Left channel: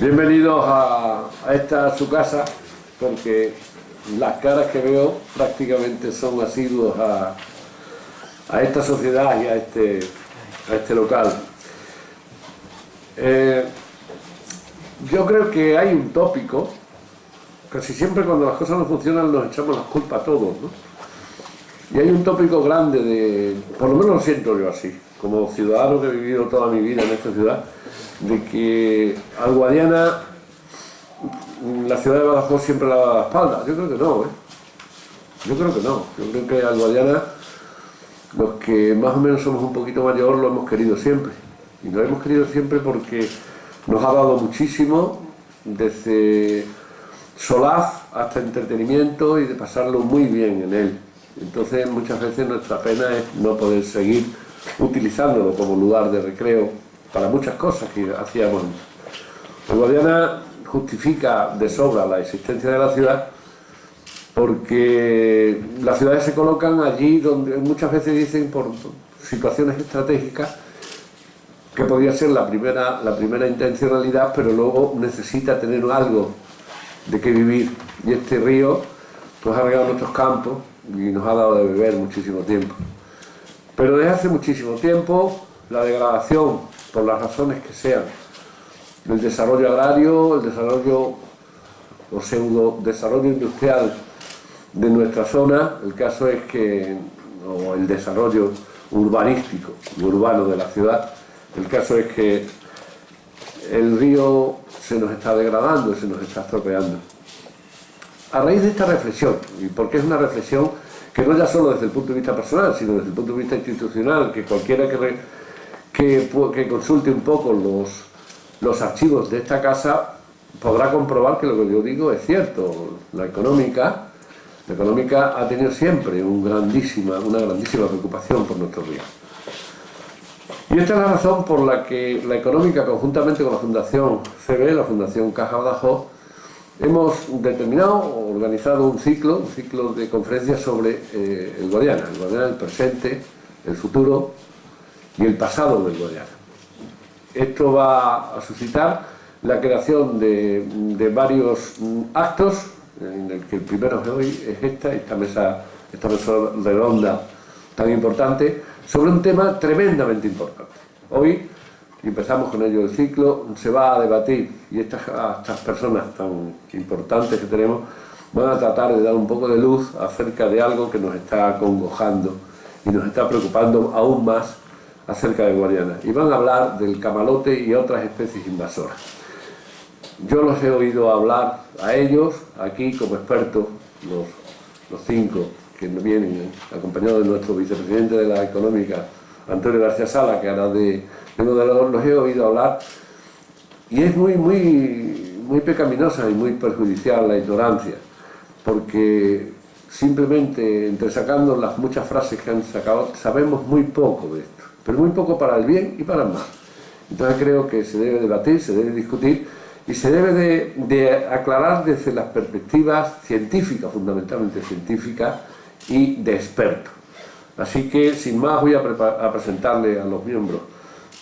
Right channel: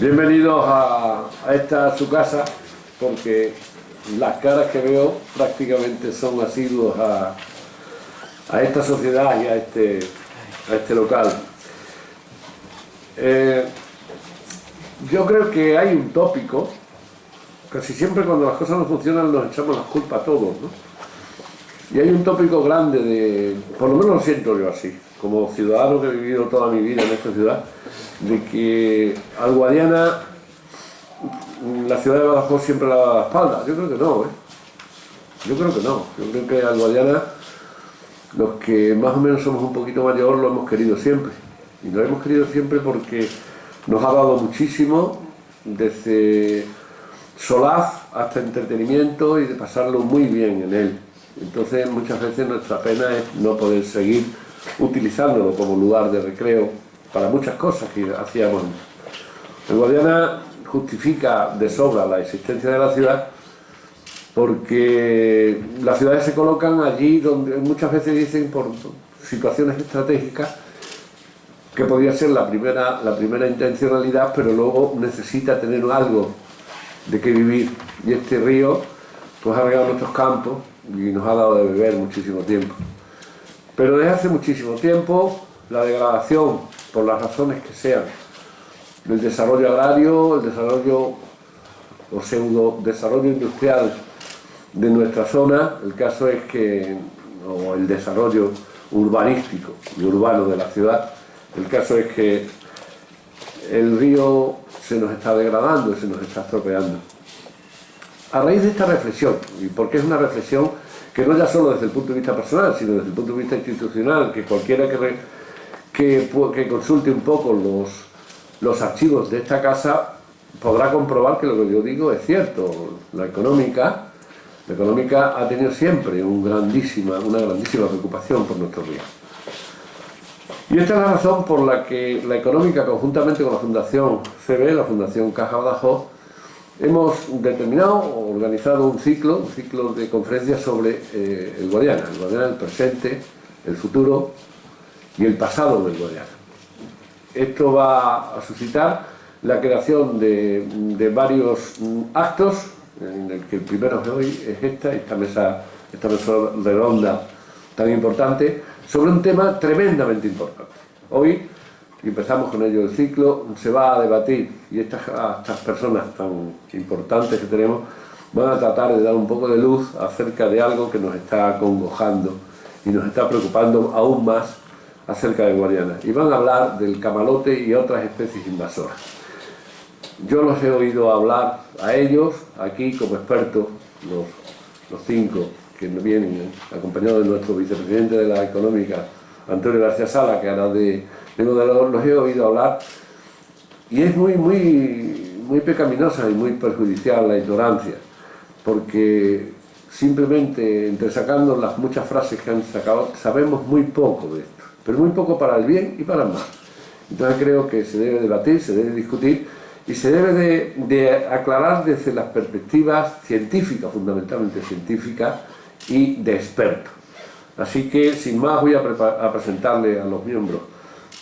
Bienvenidos a esta su casa, porque las caras que veo prácticamente son asiduos a esta sociedad y a este local. Yo creo que hay un tópico, casi siempre cuando las cosas no funcionan nos echamos las culpas a todos, ¿no? Y hay un tópico grande por lo menos lo siento yo así, como ciudadano que he vivido toda mi vida en esta ciudad, de que al Guadiana la ciudad de Badajoz siempre le ha dado la espalda. Yo creo que no, Yo creo que no. Yo creo que al Guadiana, los que más o menos somos un poquito mayor, lo hemos querido siempre. Y lo hemos querido siempre porque nos ha dado muchísimo, desde solaz hasta entretenimiento y de pasarlo muy bien en él. Entonces muchas veces nuestra pena es no poder seguir utilizándolo como lugar de recreo para muchas cosas que hacíamos. El Guadiana justifica de sobra la existencia de la ciudad porque las ciudades se colocan allí donde muchas veces dicen por situaciones estratégicas que podría ser la primera intencionalidad, pero luego necesita tener algo de qué vivir, y este río pues ha regado nuestros campos y nos ha dado de beber muchísimo tiempo. Pero desde hace muchísimo tiempo la degradación, por las razones que sean, el desarrollo agrario, el desarrollo o pseudo desarrollo industrial de nuestra zona, el caso es que, o el desarrollo urbanístico y urbano de la ciudad, el caso es que el río se nos está degradando, se nos está estropeando. A raíz de esta reflexión, y porque es una reflexión que no ya solo desde el punto de vista personal, sino desde el punto de vista institucional, que cualquiera que consulte un poco los archivos de esta casa podrá comprobar que lo que yo digo es cierto. La económica ha tenido siempre una grandísima preocupación por nuestros ríos. Y esta es la razón por la que la económica, conjuntamente con la Fundación CB, la Fundación Caja Badajoz, hemos organizado un ciclo de conferencias sobre el Guadiana, el presente, el futuro y el pasado del Guadiana. Esto va a suscitar la creación de varios actos, en el que el primero de hoy es esta mesa redonda tan importante, sobre un tema tremendamente importante. Hoy, y empezamos con ello el ciclo, se va a debatir, y estas personas tan importantes que tenemos van a tratar de dar un poco de luz acerca de algo que nos está acongojando y nos está preocupando aún más acerca de Guadiana. Y van a hablar del camalote y otras especies invasoras. Yo los he oído hablar a ellos aquí como expertos, los cinco que vienen acompañados de nuestro vicepresidente de la Económica, Antonio García Sala, que ahora de moderador, los he oído hablar, y es muy pecaminosa y muy perjudicial la ignorancia, porque simplemente entresacando las muchas frases que han sacado, sabemos muy poco de esto, pero muy poco para el bien y para el mal. Entonces creo que se debe debatir, se debe discutir y se debe de aclarar desde las perspectivas científicas, fundamentalmente científicas, y de expertos. Así que, sin más, voy a presentarle a los miembros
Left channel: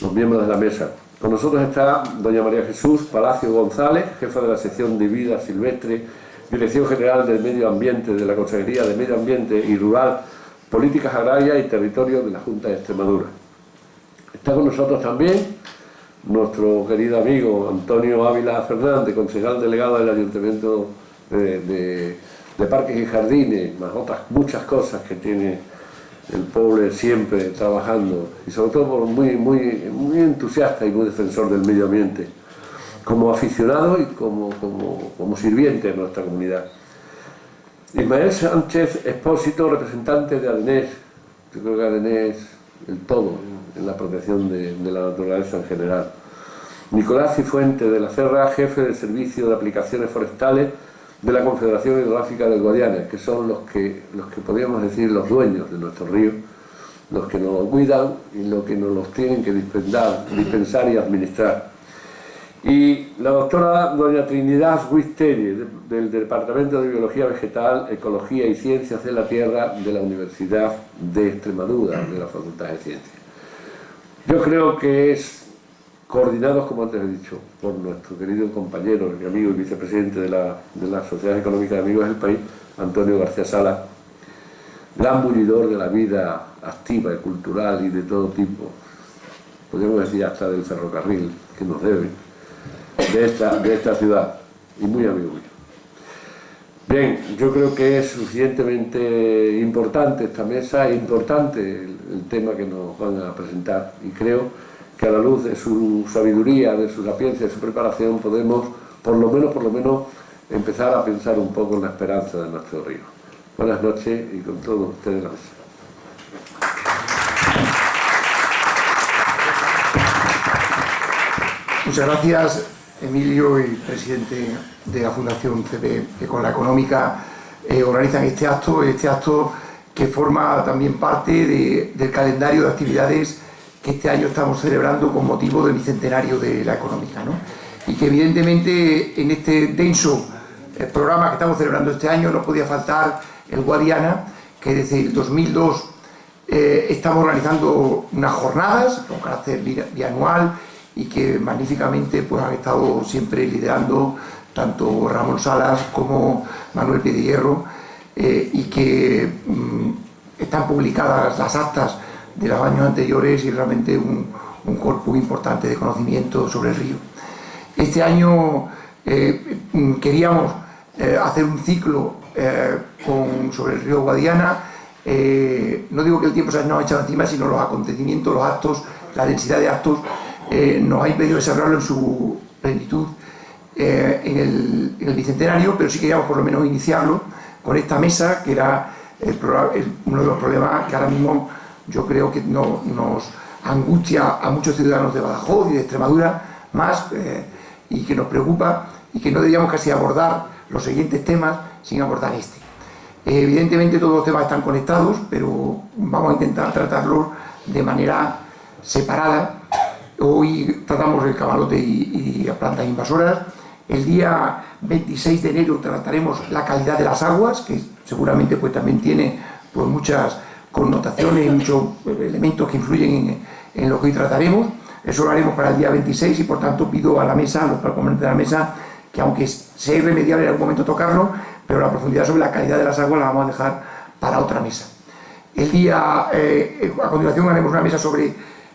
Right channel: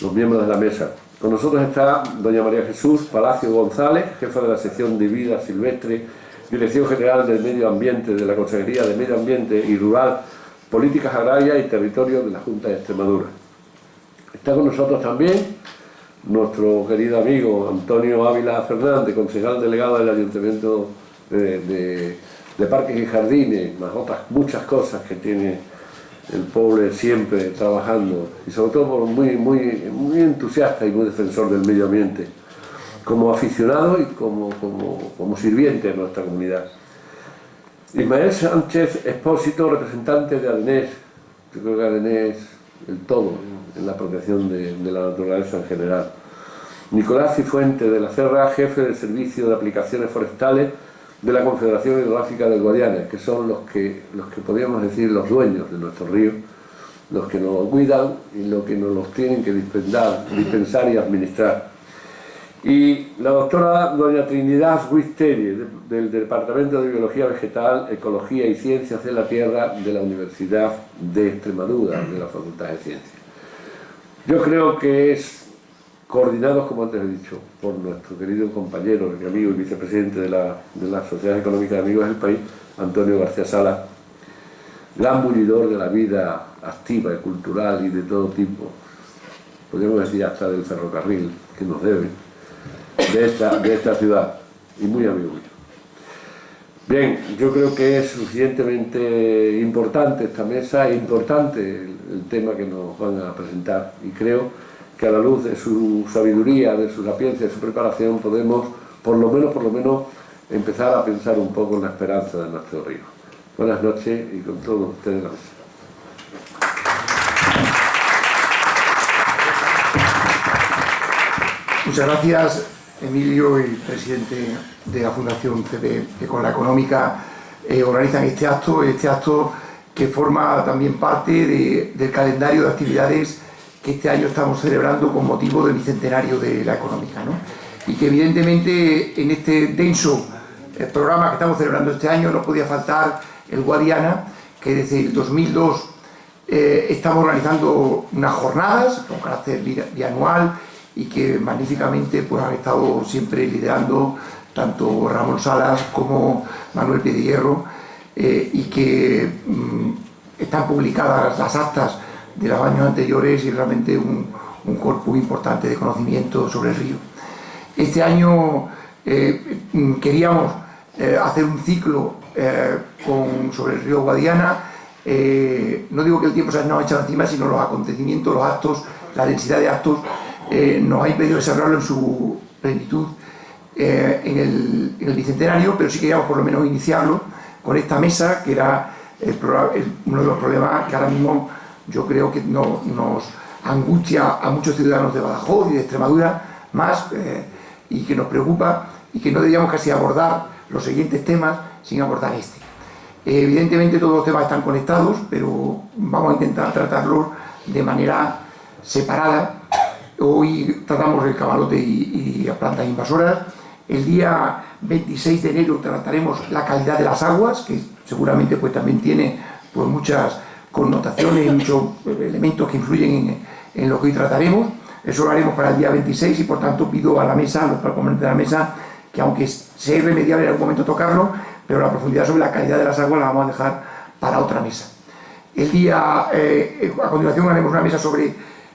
de la mesa. Con nosotros está doña María Jesús Palacio González, jefa de la sección de Vida Silvestre, Dirección General del Medio Ambiente de la Consejería de Medio Ambiente y Rural, Políticas Agrarias y Territorio de la Junta de Extremadura. Está con nosotros también nuestro querido amigo Antonio Ávila Fernández, concejal delegado del Ayuntamiento de Parques y Jardines, más otras muchas cosas que tiene el pobre siempre trabajando, y sobre todo muy entusiasta y muy defensor del medio ambiente, como aficionado y como sirviente de nuestra comunidad. Ismael Sánchez Expósito, representante de ADENES. Yo creo que ADENES es el todo en la protección de la naturaleza en general. Nicolás Cifuentes de la Serra, jefe del Servicio de Aplicaciones Forestales de la Confederación Hidrográfica del Guadiana, que son los que podríamos decir los dueños de nuestros ríos, los que nos los cuidan y los que nos los tienen que dispensar y administrar. Y la doctora doña Trinidad Ruiz-Telle, del Departamento de Biología Vegetal, Ecología y Ciencias de la Tierra de la Universidad de Extremadura, de la Facultad de Ciencias. Yo creo que es coordinados, como antes he dicho, por nuestro querido compañero y amigo y vicepresidente de la Sociedad Económica de Amigos del País, Antonio García Sala, gran bullidor de la vida activa y cultural y de todo tipo, podríamos decir hasta del ferrocarril que nos debe, de esta ciudad, y muy amigo mío. Bien, yo creo que es suficientemente importante esta mesa, es importante el tema que nos van a presentar, y creo que a la luz de su sabiduría, de su sapiencia, de su preparación, podemos, por lo menos, empezar a pensar un poco en la esperanza de nuestro río. Buenas noches y con todos ustedes en la mesa. Muchas gracias, Emilio, y presidente de la Fundación CP, que con la Económica organizan este acto que forma también parte del calendario de actividades que este año estamos celebrando con motivo del bicentenario de la Económica, ¿no? Y que evidentemente en este denso programa que estamos celebrando este año no podía faltar el Guadiana, que desde el 2002 estamos organizando unas jornadas con carácter bianual y que magníficamente pues han estado siempre liderando tanto Ramón Salas como Manuel Piedehierro, y que están publicadas las actas de los años anteriores y realmente un corpus importante de conocimiento sobre el río. Este año queríamos hacer un ciclo sobre el río Guadiana. No digo que el tiempo se nos ha echado encima, sino los acontecimientos, los actos, la densidad de actos nos ha impedido desarrollarlo en su plenitud en el bicentenario, pero sí queríamos por lo menos iniciarlo con esta mesa, que era uno de los problemas que ahora mismo yo creo que nos angustia a muchos ciudadanos de Badajoz y de Extremadura más, y que nos preocupa, y que no deberíamos casi abordar los siguientes temas sin abordar este. Evidentemente todos los temas están conectados, pero vamos a intentar tratarlos de manera separada. Hoy tratamos el camalote y las plantas invasoras. El día 26 de enero trataremos la calidad de las aguas, que seguramente pues también tiene pues muchas connotaciones, muchos elementos que influyen en lo que hoy trataremos. Eso lo haremos para el día 26 y por tanto pido a la mesa, a los componentes de la mesa, que aunque sea irremediable en algún momento tocarlo, pero la profundidad sobre la calidad de las aguas la vamos a dejar para otra mesa. A continuación haremos una mesa sobre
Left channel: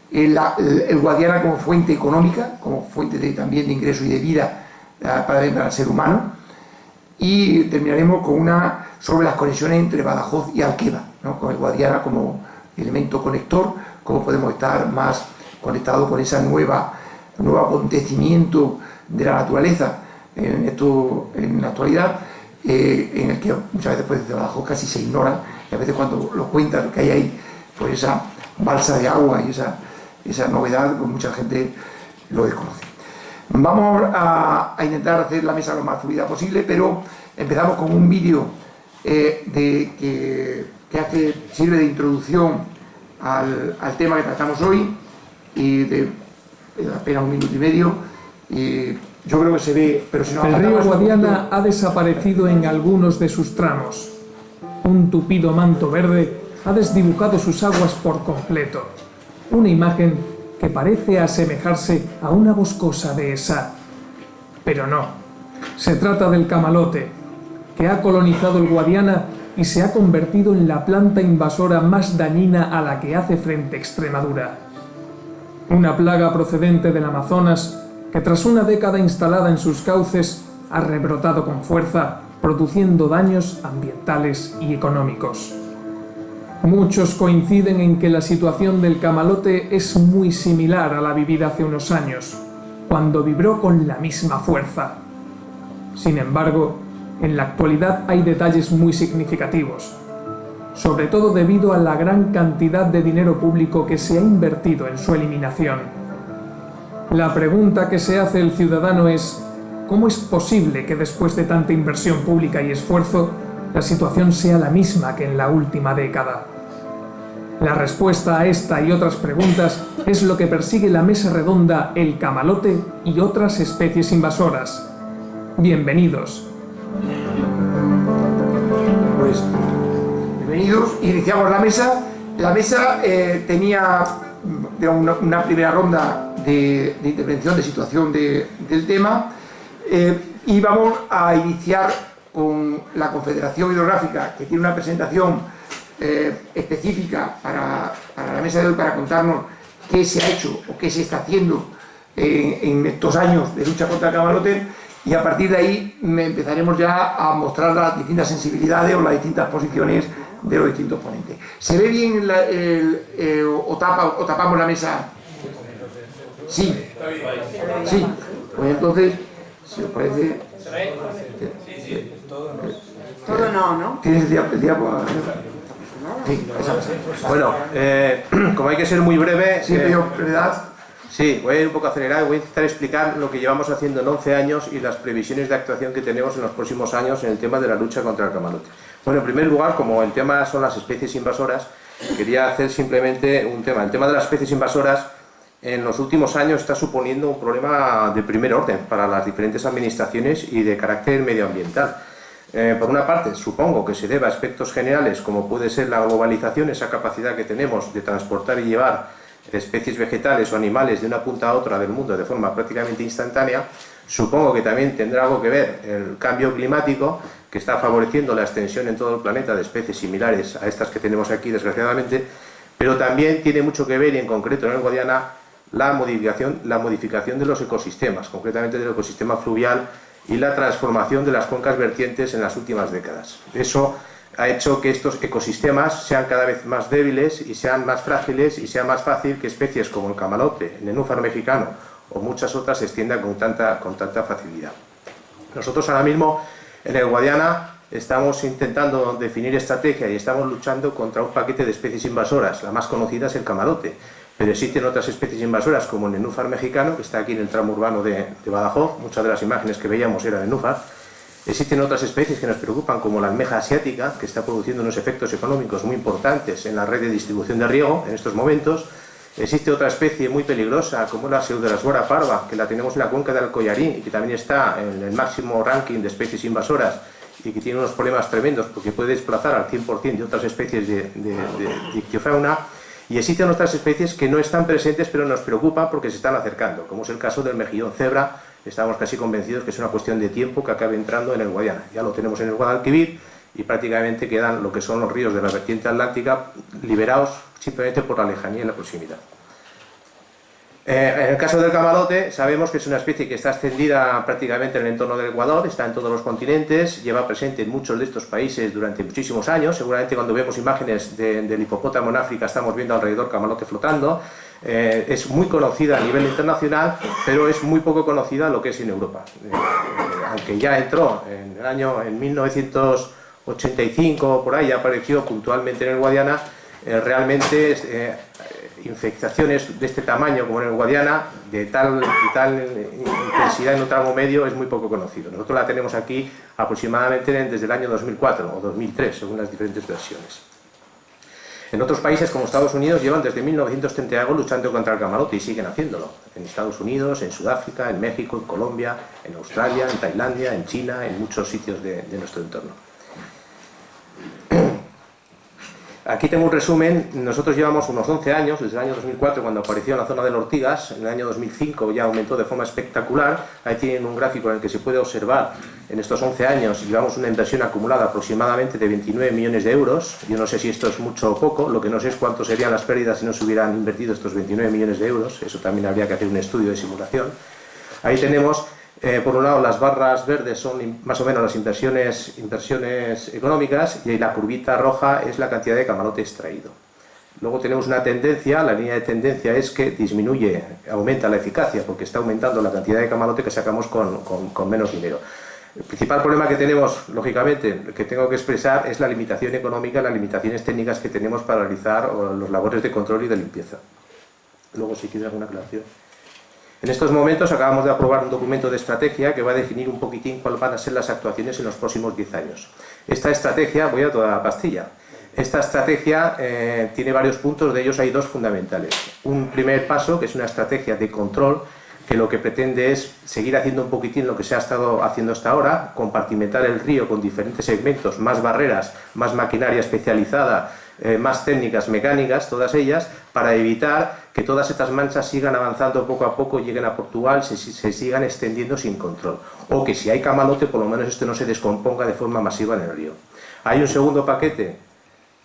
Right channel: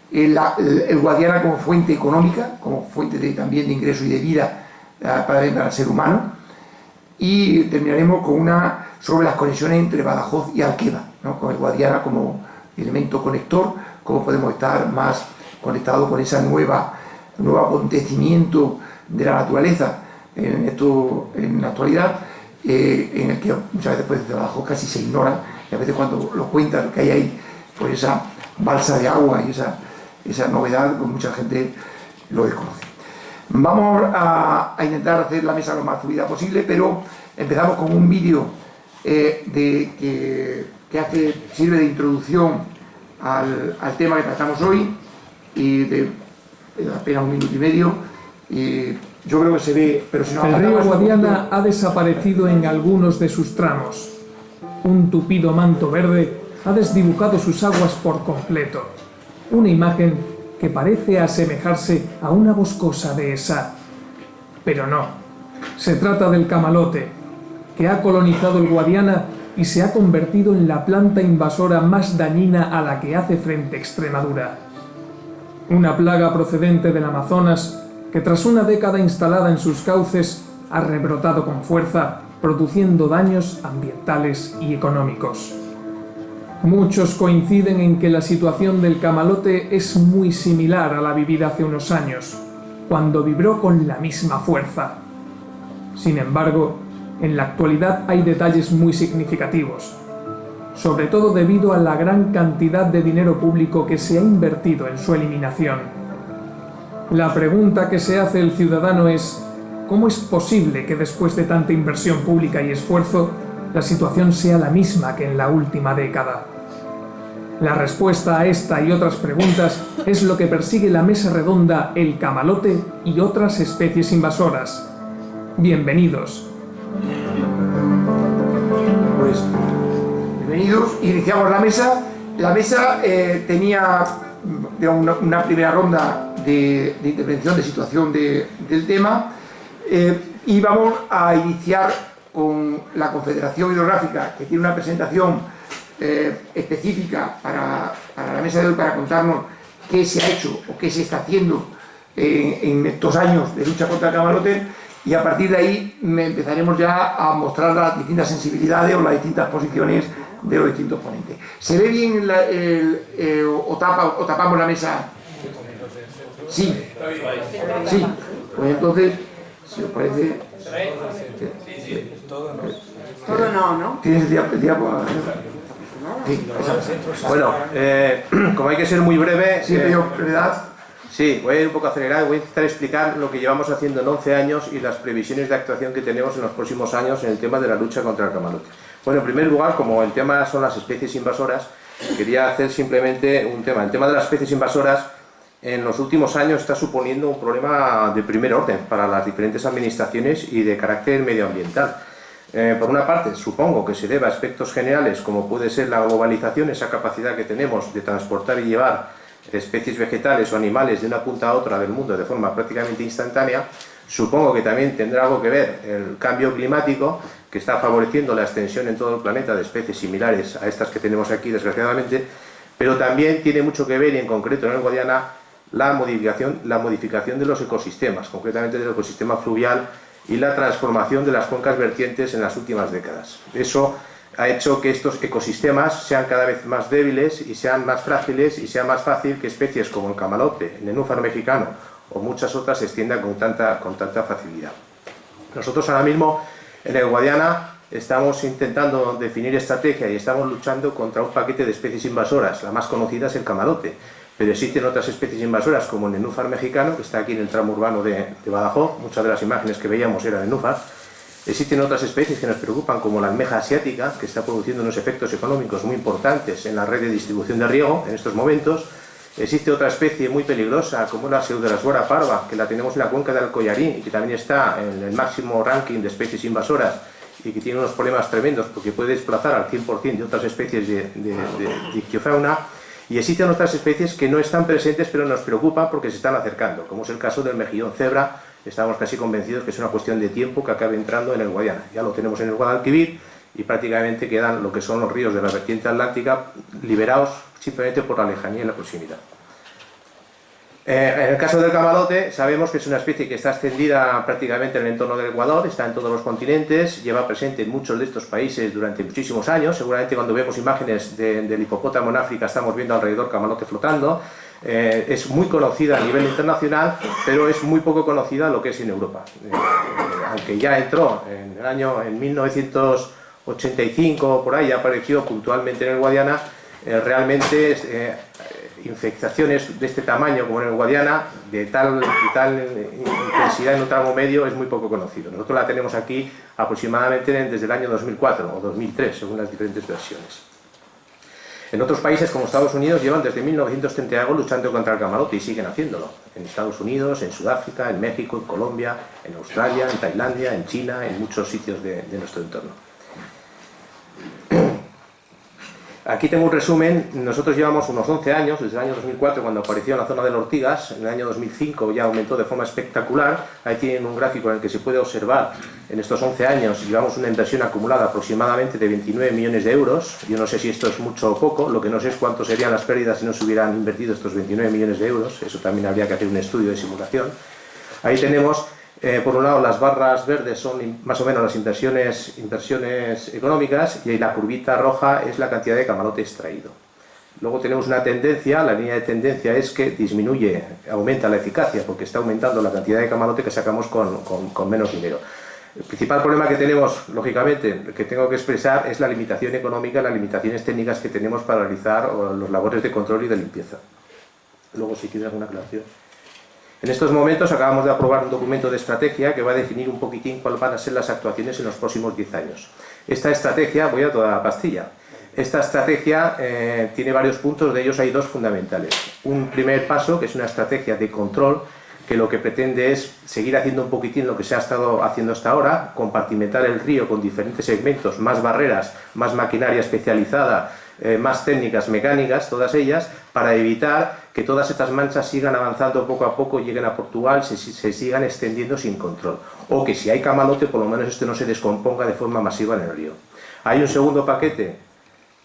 el Guadiana como fuente económica, como fuente también de ingreso y de vida para el ser humano, y terminaremos con una sobre las conexiones entre Badajoz y Alqueva, ¿no? Con el Guadiana como elemento conector, cómo podemos estar más conectados con ese nuevo acontecimiento de la naturaleza en la actualidad, en el que muchas veces pues, desde Badajoz casi se ignora, y a veces cuando lo cuentan que hay ahí pues esa balsa de agua y esa novedad, pues mucha gente lo desconoce. Vamos a intentar hacer la mesa lo más fluida posible, pero empezamos con un vídeo que sirve de introducción al tema que tratamos hoy, y de apenas 1 minuto y medio. Yo creo que se ve, pero si no... El río Guadiana ha desaparecido en algunos de sus tramos. Un tupido manto verde ha desdibujado sus aguas por completo. Una imagen que parece asemejarse a una boscosa dehesa. Pero no. Se trata del camalote, que ha colonizado el Guadiana y se ha convertido en la planta invasora más dañina a la que hace frente Extremadura. Una plaga procedente del Amazonas que tras una década instalada en sus cauces ha rebrotado con fuerza, produciendo daños ambientales y económicos. Muchos coinciden en que la situación del camalote es muy similar a la vivida hace unos años, cuando vibró con la misma fuerza. Sin embargo, en la actualidad hay detalles muy significativos, sobre todo debido a la gran cantidad de dinero público que se ha invertido en su eliminación. La pregunta que se hace el ciudadano es: ¿cómo es posible que después de tanta inversión pública y esfuerzo, la situación sea la misma que en la última década? La respuesta a esta y otras preguntas es lo que persigue la mesa redonda El Camalote y otras especies invasoras. Bienvenidos. Pues, bienvenidos. Iniciamos la mesa. La mesa tenía una primera ronda de intervención, de situación del tema, y vamos a iniciar con la Confederación Hidrográfica, que tiene una presentación específica para la mesa de hoy, para contarnos qué se ha hecho o qué se está haciendo en estos años de lucha contra el camalote, y a partir de ahí empezaremos ya a mostrar las distintas sensibilidades o las distintas posiciones de los distintos ponentes. ¿Se ve bien o tapamos la mesa? Sí. Sí. Pues entonces, si os parece... Todo no. ¿Tienes el diapo? Sí, bueno, como hay que ser muy breve... Sí, pero brevedad. Sí, voy a ir un poco acelerado, voy a intentar explicar lo que llevamos haciendo en 11 años y las previsiones de actuación que tenemos en los próximos años en el tema de la lucha contra el camalote. Bueno, en primer lugar, como el tema son las especies invasoras, quería hacer simplemente un tema. El tema de las especies invasoras en los últimos años está suponiendo un problema de primer orden para las diferentes administraciones y de carácter medioambiental. Por una parte, supongo que se debe a aspectos generales como puede ser la globalización, esa capacidad que tenemos de transportar y llevar especies vegetales o animales de una punta a otra del mundo de forma prácticamente instantánea. Supongo que también tendrá algo que ver el cambio climático, que está favoreciendo la extensión en todo el planeta de especies similares a estas que tenemos aquí, desgraciadamente, pero también tiene mucho que ver, y en concreto en el Guadiana, la modificación de los ecosistemas, concretamente del ecosistema fluvial, y la transformación de las cuencas vertientes en las últimas décadas. Eso ha hecho que estos ecosistemas sean cada vez más débiles y sean más frágiles, y sea más fácil que especies como el camalote, el nenúfar mexicano o muchas otras se extiendan con tanta facilidad. Nosotros ahora mismo en el Guadiana estamos intentando definir estrategia y estamos luchando contra un paquete de especies invasoras. La más conocida es el camalote, pero existen otras especies invasoras como el nenúfar mexicano, que está aquí en el tramo urbano de Badajoz. Muchas de las imágenes que veíamos eran nenúfar. Existen otras especies que nos preocupan, como la almeja asiática, que está produciendo unos efectos económicos muy importantes en la red de distribución de riego en estos momentos. Existe otra especie muy peligrosa, como la Pseudolasbora parva, que la tenemos en la cuenca del Collarín y que también está en el máximo ranking de especies invasoras y que tiene unos problemas tremendos porque puede desplazar al 100% de otras especies de ictiofauna. Y existen otras especies que no están presentes pero nos preocupan porque se están acercando, como es el caso del mejillón cebra. Estamos casi convencidos que es una cuestión de tiempo que acabe entrando en el Guadiana. Ya lo tenemos en el Guadalquivir y prácticamente quedan lo que son los ríos de la vertiente atlántica liberados simplemente por la lejanía y la proximidad. En el caso del camalote, sabemos que es una especie que está extendida prácticamente en el entorno del Ecuador, está en todos los continentes, lleva presente en muchos de estos países durante muchísimos años. Seguramente cuando vemos imágenes del hipopótamo en África estamos viendo alrededor camalote flotando. Es muy conocida a nivel internacional, pero es muy poco conocida lo que es en Europa. Aunque ya entró en 1985, por ahí ya apareció puntualmente en el Guadiana, realmente infectaciones de este tamaño como en el Guadiana, de tal intensidad en un tramo medio, es muy poco conocido. Nosotros la tenemos aquí aproximadamente desde el año 2004 o 2003, según las diferentes versiones. En otros países como Estados Unidos llevan desde 1930 algo luchando contra el camalote y siguen haciéndolo. En Estados Unidos, en Sudáfrica, en México, en Colombia, en Australia, en Tailandia, en China, en muchos sitios de nuestro entorno. Aquí tengo un resumen. Nosotros llevamos unos 11 años, desde el año 2004 cuando apareció en la zona de Ortigas. En el año 2005 ya aumentó de forma espectacular. Ahí tienen un gráfico en el que se puede observar en estos 11 años llevamos una inversión acumulada aproximadamente de 29 millones de euros. Yo no sé si esto es mucho o poco, lo que no sé es cuánto serían las pérdidas si no se hubieran invertido estos 29 millones de euros. Eso también habría que hacer un estudio de simulación. Ahí tenemos por un lado las barras verdes son más o menos las inversiones económicas y la curvita roja es la cantidad de camalote extraído. Luego tenemos una tendencia, la línea de tendencia es que aumenta la eficacia porque está aumentando la cantidad de camalote que sacamos con menos dinero. El principal problema que tenemos, lógicamente, que tengo que expresar es la limitación económica, las limitaciones técnicas que tenemos para realizar los labores de control y de limpieza. Luego si quieres alguna aclaración. En estos momentos acabamos de aprobar un documento de estrategia que va a definir un poquitín cuáles van a ser las actuaciones en los próximos 10 años. Esta estrategia, voy a toda la pastilla, esta estrategia tiene varios puntos, de ellos hay dos fundamentales. Un primer paso, que es una estrategia de control, que lo que pretende es seguir haciendo un poquitín lo que se ha estado haciendo hasta ahora, compartimentar el río con diferentes segmentos, más barreras, más maquinaria especializada, más técnicas mecánicas, todas ellas, para evitar que todas estas manchas sigan avanzando poco a poco, lleguen a Portugal, se sigan extendiendo sin control. O que si hay camalote, por lo menos esto no se descomponga de forma masiva en el río. Hay un segundo paquete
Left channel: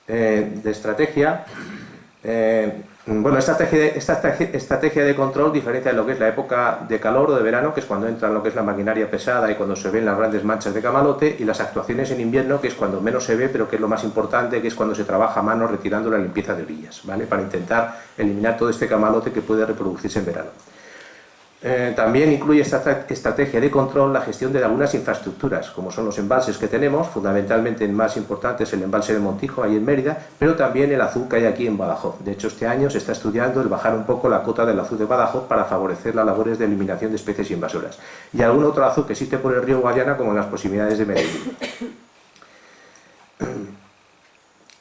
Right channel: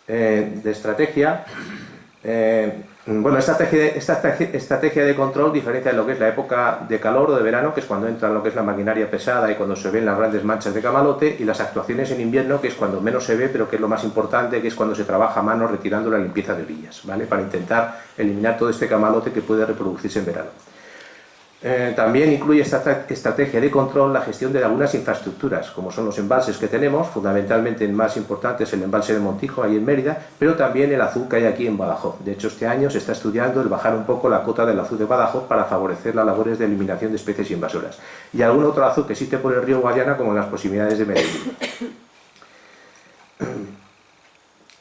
de estrategia. Bueno, esta estrategia de control diferencia de lo que es la época de calor o de verano, que es cuando entra lo que es la maquinaria pesada y cuando se ven las grandes manchas de camalote, y las actuaciones en invierno, que es cuando menos se ve, pero que es lo más importante, que es cuando se trabaja a mano retirando la limpieza de orillas, ¿vale? Para intentar eliminar todo este camalote que puede reproducirse en verano. También incluye esta estrategia de control la gestión de algunas infraestructuras, como son los embalses que tenemos, fundamentalmente el más importante es el embalse de Montijo, ahí en Mérida, pero también el azud que hay aquí en Badajoz. De hecho, este año se está estudiando el bajar un poco la cota del azud de Badajoz para favorecer las labores de eliminación de especies invasoras. Y algún otro azud que existe por el río Guadiana, como en las proximidades de Medellín.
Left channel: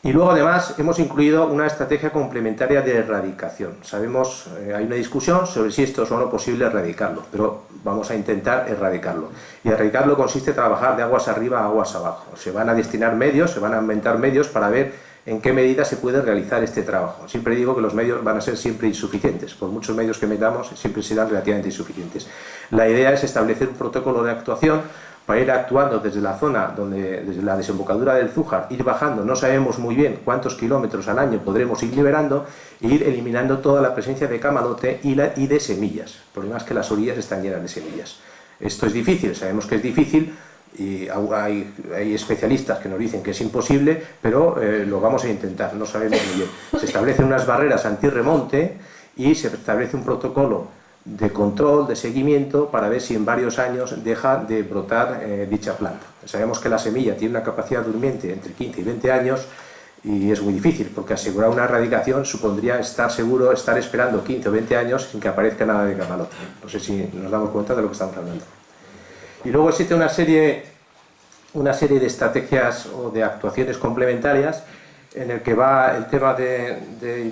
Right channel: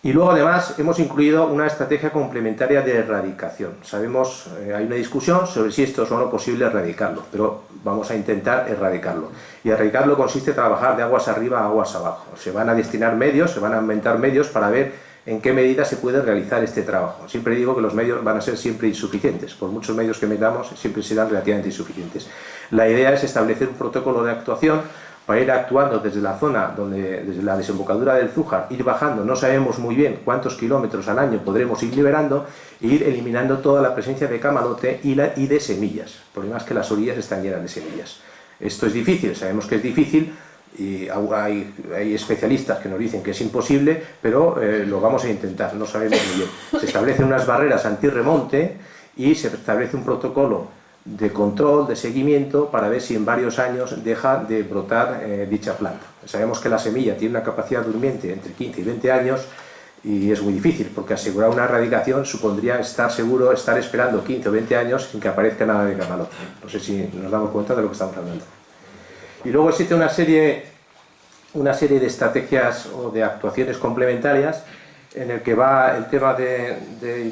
Y luego, además, hemos incluido una estrategia complementaria de erradicación. Sabemos, hay una discusión sobre si esto es o no posible erradicarlo, pero vamos a intentar erradicarlo. Y erradicarlo consiste en trabajar de aguas arriba a aguas abajo. Se van a destinar medios, se van a inventar medios para ver en qué medida se puede realizar este trabajo. Siempre digo que los medios van a ser siempre insuficientes. Por muchos medios que metamos, siempre serán relativamente insuficientes. La idea es establecer un protocolo de actuación para ir actuando desde la zona, desde la desembocadura del Zújar, ir bajando, no sabemos muy bien cuántos kilómetros al año podremos ir liberando, e ir eliminando toda la presencia de camalote y de semillas. El problema es que las orillas están llenas de semillas. Esto es difícil, sabemos que es difícil, y hay especialistas que nos dicen que es imposible, pero lo vamos a intentar, no sabemos muy bien. Se establecen unas barreras antirremonte y se establece un protocolo de control, de seguimiento, para ver si en varios años deja de brotar dicha planta. Sabemos que la semilla tiene una capacidad durmiente entre 15 y 20 años y es muy difícil, porque asegurar una erradicación supondría estar seguro, estar esperando 15 o 20 años sin que aparezca nada de camalote. No sé si nos damos cuenta de lo que estamos hablando. Y luego existe una serie de estrategias o de actuaciones complementarias en el que va el tema de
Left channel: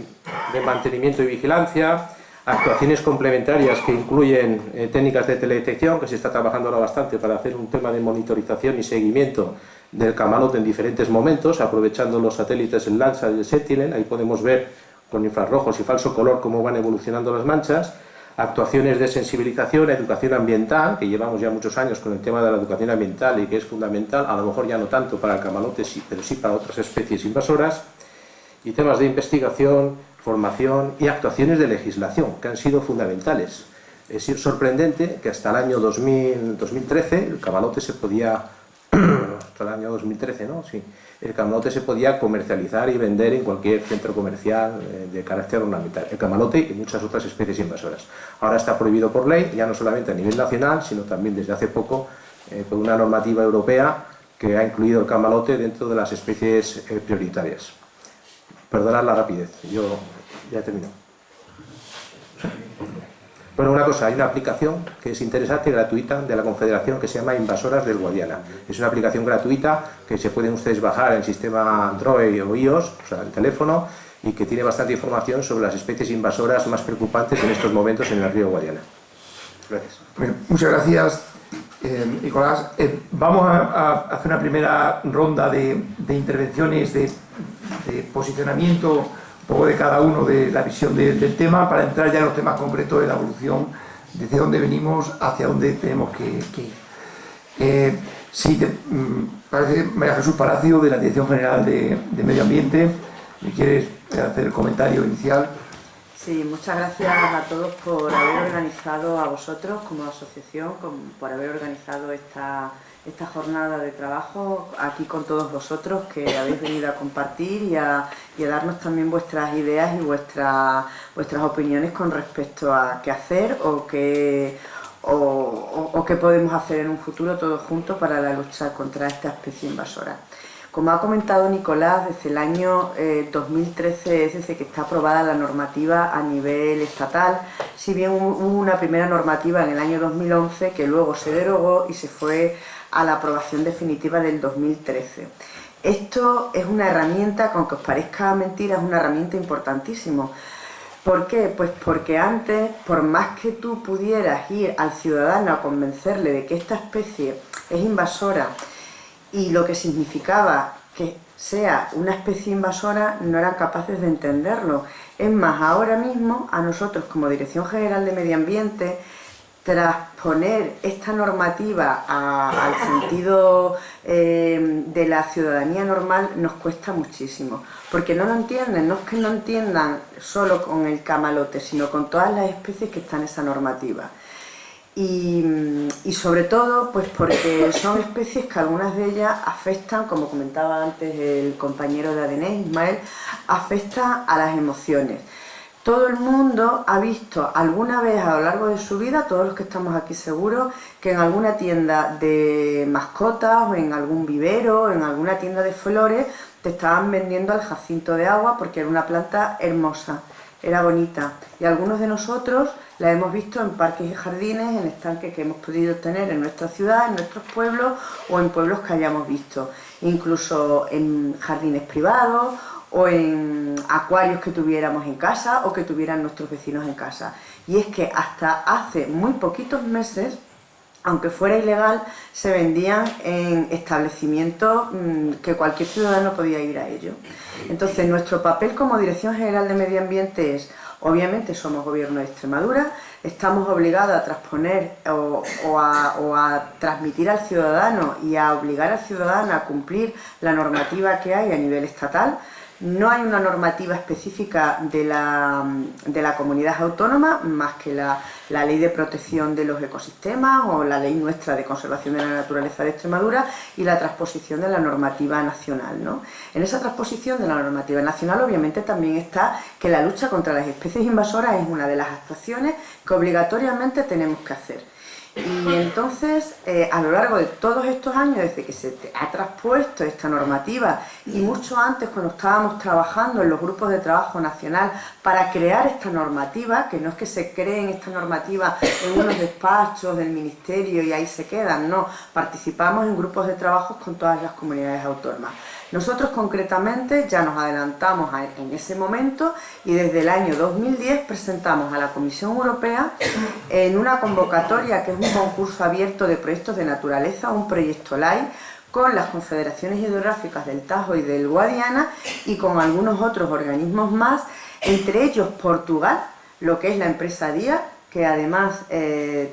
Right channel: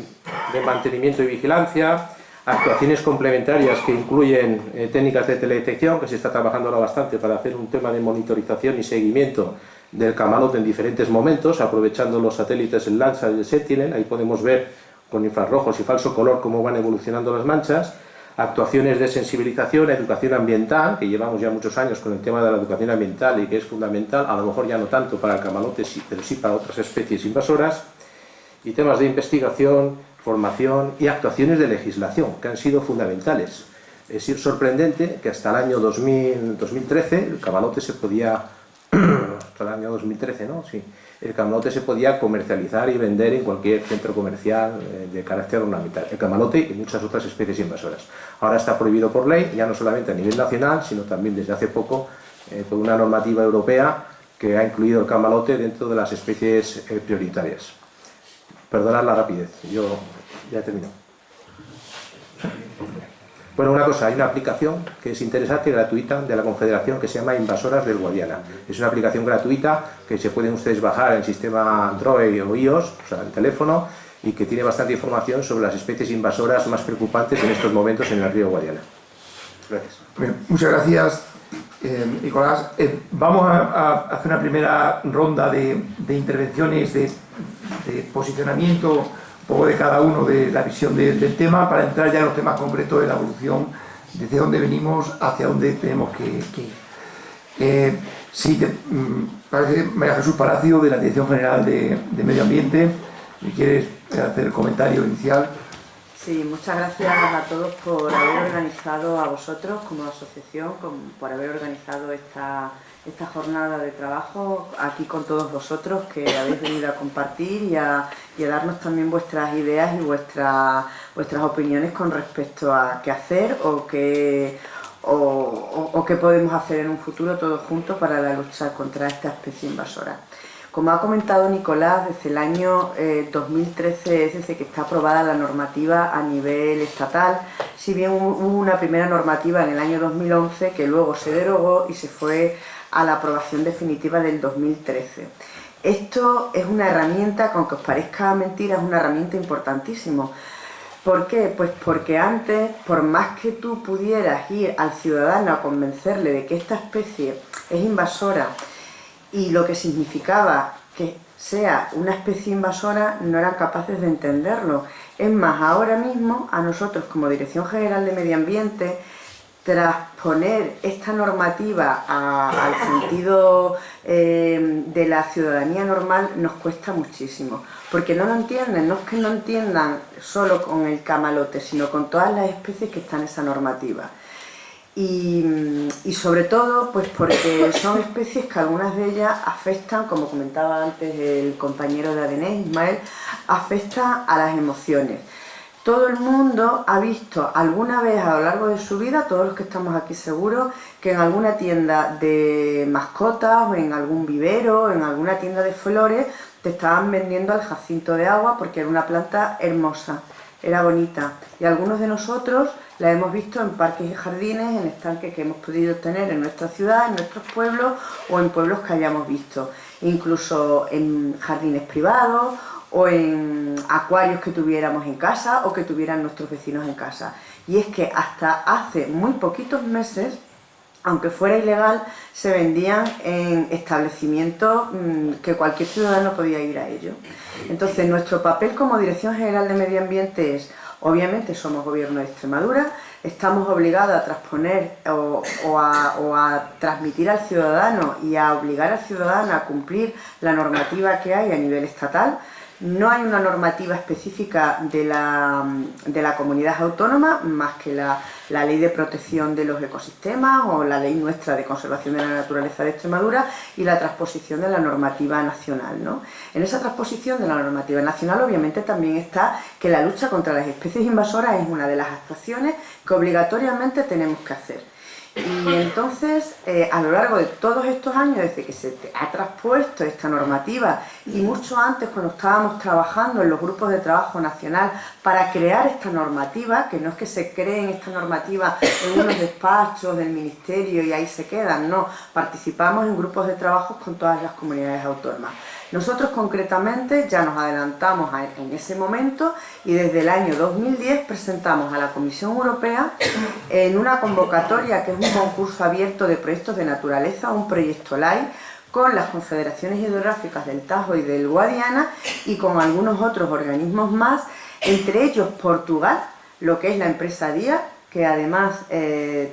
mantenimiento y vigilancia, actuaciones complementarias que incluyen técnicas de teledetección, que se está trabajando ahora bastante para hacer un tema de monitorización y seguimiento del camalote en diferentes momentos, aprovechando los satélites, el Landsat y el Sentinel. Ahí podemos ver con infrarrojos y falso color cómo van evolucionando las manchas. Actuaciones de sensibilización, educación ambiental, que llevamos ya muchos años con el tema de la educación ambiental y que es fundamental, a lo mejor ya no tanto para el camalote, pero sí para otras especies invasoras. Y temas de investigación, formación y actuaciones de legislación, que han sido fundamentales. Es sorprendente que hasta el año 2013 el camalote se podía, hasta el año 2013, ¿no? Sí, el camalote se podía comercializar y vender en cualquier centro comercial de carácter ornamental. El camalote y muchas otras especies invasoras. Ahora está prohibido por ley, ya no solamente a nivel nacional, sino también desde hace poco por una normativa europea que ha incluido el camalote dentro de las especies prioritarias. Perdonad la rapidez, yo ya he terminado. Bueno, una cosa, hay una aplicación que es interesante, gratuita, de la Confederación, que se llama Invasoras del Guadiana. Es una aplicación gratuita que se pueden ustedes bajar en el sistema Android o iOS, o sea, el teléfono, y que tiene bastante información sobre las especies invasoras más preocupantes en estos momentos en el río Guadiana. Gracias. Bien, muchas gracias, Nicolás. Vamos a hacer una primera ronda de intervenciones, de posicionamiento un poco de cada uno de la visión del tema, para entrar ya en los temas concretos de la evolución, desde dónde venimos hacia dónde tenemos que ir. Si te parece, María Jesús Palacio, de la Dirección General de Medio Ambiente, ¿quieres hacer el comentario inicial? Sí, muchas gracias a todos por haber organizado, a vosotros como asociación, por haber organizado esta jornada de trabajo aquí con todos vosotros, que habéis venido a compartir y a darnos también vuestras ideas y vuestras opiniones con respecto a qué hacer o qué podemos hacer en un futuro todos juntos para la lucha contra esta especie invasora. Como ha comentado Nicolás, desde el año 2013 es desde que está aprobada la normativa a nivel estatal, si bien hubo una primera normativa en el año 2011 que luego se derogó y se fue a la aprobación definitiva del 2013. Esto es una herramienta, aunque os parezca mentira, es una herramienta importantísima. ¿Por qué? Pues porque antes, por más que tú pudieras ir al ciudadano a convencerle de que esta especie es invasora y lo que significaba que sea una especie invasora no eran capaces de entenderlo. Es más, ahora mismo a nosotros como Dirección General de Medio Ambiente, transponer esta normativa al sentido de la ciudadanía normal nos cuesta muchísimo, porque no lo entienden, no es que no entiendan solo con el camalote, sino con todas las especies que están en esa normativa. Y sobre todo pues porque son especies que algunas de ellas afectan, como comentaba antes el compañero de ADN, Ismael, afectan a las emociones. Todo el mundo ha visto alguna vez a lo largo de su vida, todos los que estamos aquí seguros, que en alguna tienda de mascotas o en algún vivero, en alguna tienda de flores, te estaban vendiendo el jacinto de agua porque era una planta hermosa, era bonita. Y algunos de nosotros la hemos visto en parques y jardines, en estanques que hemos podido tener en nuestra ciudad, en nuestros pueblos o en pueblos que hayamos visto. Incluso en jardines privados o en acuarios que tuviéramos en casa o que tuvieran nuestros vecinos en casa. Y es que hasta hace muy poquitos meses, aunque fuera ilegal, se vendían en establecimientos que cualquier ciudadano podía ir a ellos. Entonces, nuestro papel como Dirección General de Medio Ambiente es, obviamente somos Gobierno de Extremadura, estamos obligados a transponer o a transmitir al ciudadano y a obligar al ciudadano a cumplir la normativa que hay a nivel estatal. No hay una normativa específica de la comunidad autónoma, más que la Ley de Protección de los Ecosistemas o la Ley nuestra de Conservación de la Naturaleza de Extremadura y la transposición de la normativa nacional, ¿no? En esa transposición de la normativa nacional obviamente también está que la lucha contra las especies invasoras es una de las actuaciones que obligatoriamente tenemos que hacer. Y entonces, a lo largo de todos estos años, desde que se ha traspuesto esta normativa y mucho antes cuando estábamos trabajando en los grupos de trabajo nacional para crear esta normativa, que no es que se creen esta normativa en unos despachos del ministerio y ahí se quedan, no, participamos en grupos de trabajo con todas las comunidades autónomas. Nosotros concretamente ya nos adelantamos en ese momento y desde el año 2010 presentamos a la Comisión Europea en una convocatoria que es un concurso abierto de proyectos de naturaleza, un proyecto LIFE, con las confederaciones hidrográficas del Tajo y del Guadiana y con algunos otros organismos más, entre ellos Portugal, lo que es la empresa DIA, que además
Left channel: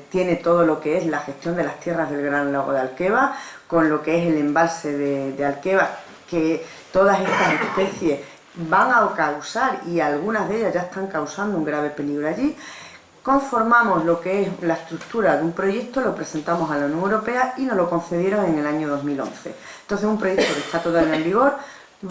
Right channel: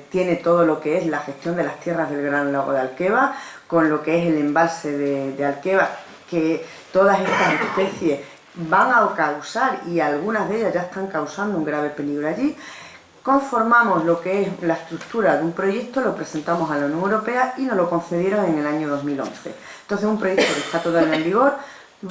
tiene todo lo que es la gestión de las tierras del Gran Lago de Alqueva, con lo que es el embalse de Alqueva, que todas estas especies van a causar, y algunas de ellas ya están causando un grave peligro allí. Conformamos lo que es la estructura de un proyecto, lo presentamos a la Unión Europea y nos lo concedieron en el año 2011. Entonces, un proyecto que está todavía en vigor,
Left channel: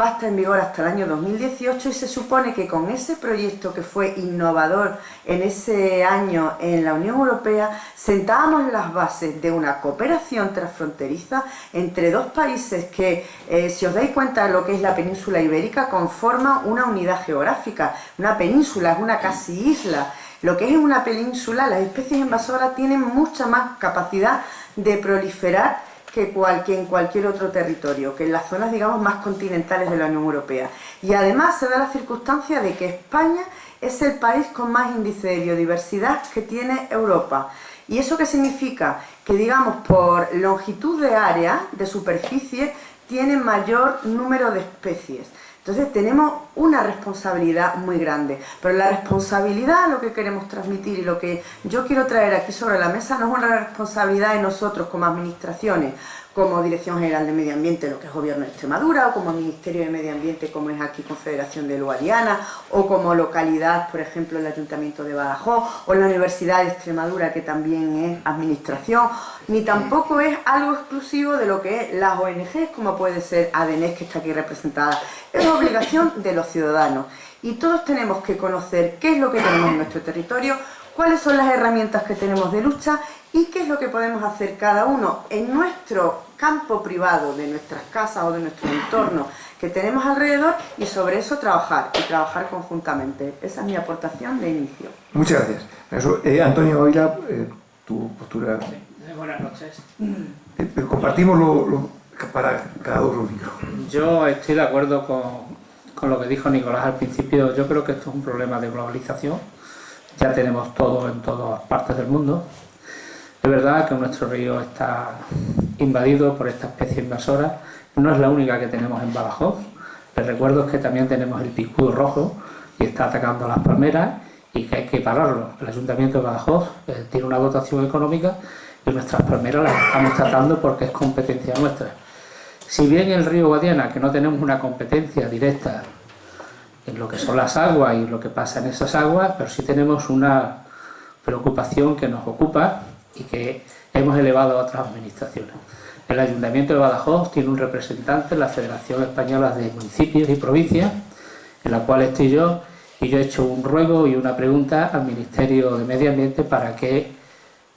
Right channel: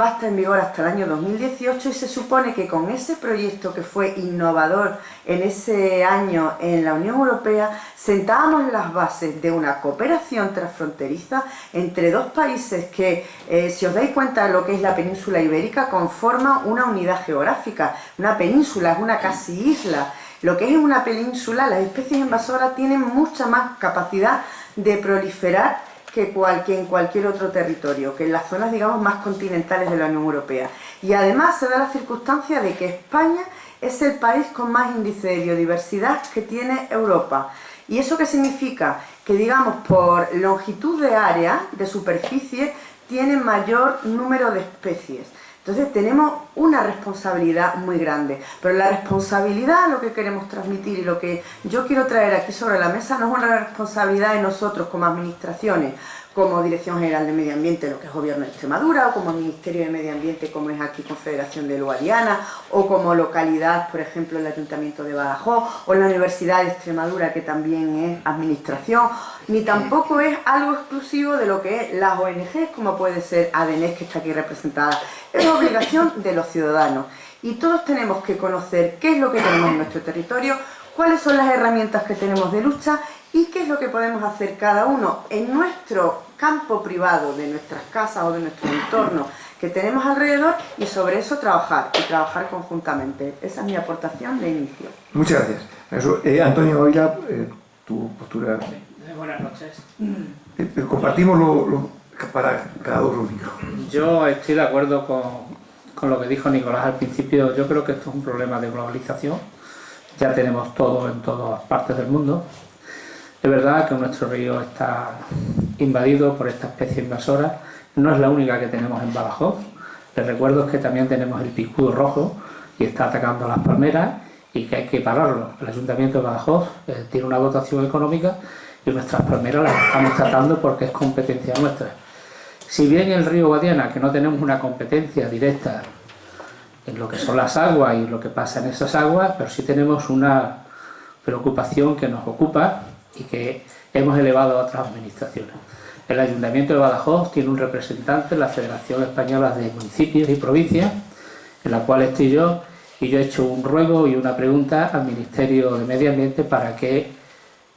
va a estar en vigor hasta el año 2018 y se supone que con ese proyecto que fue innovador en ese año en la Unión Europea, sentábamos las bases de una cooperación transfronteriza entre dos países que, si os dais cuenta de lo que es la península ibérica, conforman una unidad geográfica. Una península es una casi isla. Lo que es una península, las especies invasoras tienen mucha más capacidad de proliferar que en cualquier otro territorio, que en las zonas, digamos, más continentales de la Unión Europea. Y además se da la circunstancia de que España es el país con más índice de biodiversidad que tiene Europa. ¿Y eso qué significa? Que, digamos, por longitud de área, de superficie, tiene mayor número de especies. Entonces tenemos una responsabilidad muy grande, pero la responsabilidad, lo que queremos transmitir y lo que yo quiero traer aquí sobre la mesa, no es una responsabilidad de nosotros como administraciones, como Dirección General de Medio Ambiente, lo que es Gobierno de Extremadura, o como Ministerio de Medio Ambiente, como es aquí Confederación del Guadiana, o como localidad, por ejemplo, el Ayuntamiento de Badajoz, o la Universidad de Extremadura, que también es administración, ni tampoco es algo exclusivo de lo que es las ONGs, como puede ser ADNES, que está aquí representada. Es obligación de los ciudadanos. Y todos tenemos que conocer qué es lo que tenemos en nuestro territorio, cuáles son las herramientas que tenemos de lucha y qué es lo que podemos hacer cada uno en nuestro campo privado, de nuestras casas o de nuestro entorno que tenemos alrededor, y sobre eso trabajar y trabajar conjuntamente. Esa es mi aportación de inicio. Muchas gracias. Eso, Antonio Ávila, tu postura. Buenas noches. Compartimos para cada dos los micros. Yo estoy de acuerdo con lo que dijo Nicolás al principio. Yo creo que esto es un problema de globalización. Ya tenemos todo en todas partes del mundo. Es verdad que nuestro río está invadido por esta especie invasora. No es la única que tenemos en Badajoz. Les recuerdo que también tenemos el picudo rojo y está atacando a las palmeras y que hay que pararlo. El Ayuntamiento de Badajoz tiene una dotación económica y nuestras palmeras las estamos tratando porque es competencia nuestra. Si bien el río Guadiana, que no tenemos una competencia directa en lo que son las aguas y lo que pasa en esas aguas, pero sí tenemos una preocupación que nos ocupa y que hemos elevado a otras administraciones. El Ayuntamiento de Badajoz tiene un representante en la Federación Española de Municipios y Provincias, en la cual estoy yo, y yo he hecho un ruego y una pregunta al Ministerio de Medio Ambiente para que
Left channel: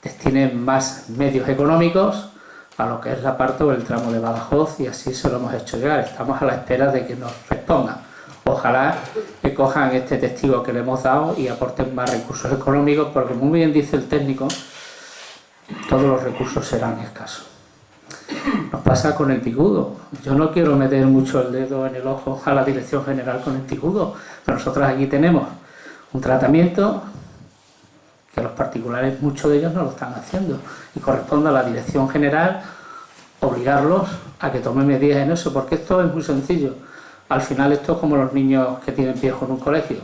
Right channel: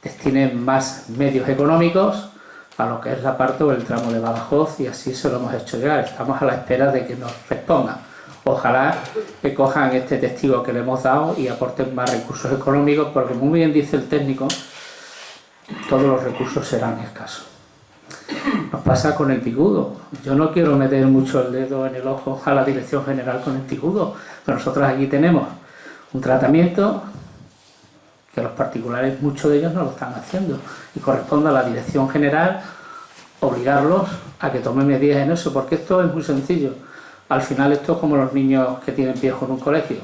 destinen más medios económicos a lo que es la parte o el tramo de Badajoz, y así se lo hemos hecho llegar. Estamos a la espera de que nos respondan. Ojalá que cojan este testigo que le hemos dado y aporten más recursos económicos, porque muy bien dice el técnico, todos los recursos serán escasos. Nos pasa con el picudo. Yo no quiero meter mucho el dedo en el ojo a la Dirección General con el picudo, pero nosotros aquí tenemos un tratamiento que los particulares, muchos de ellos no lo están haciendo, y corresponde a la Dirección General obligarlos a que tomen medidas en eso, porque esto es muy sencillo. Al final esto es como los niños que tienen piojo en un colegio.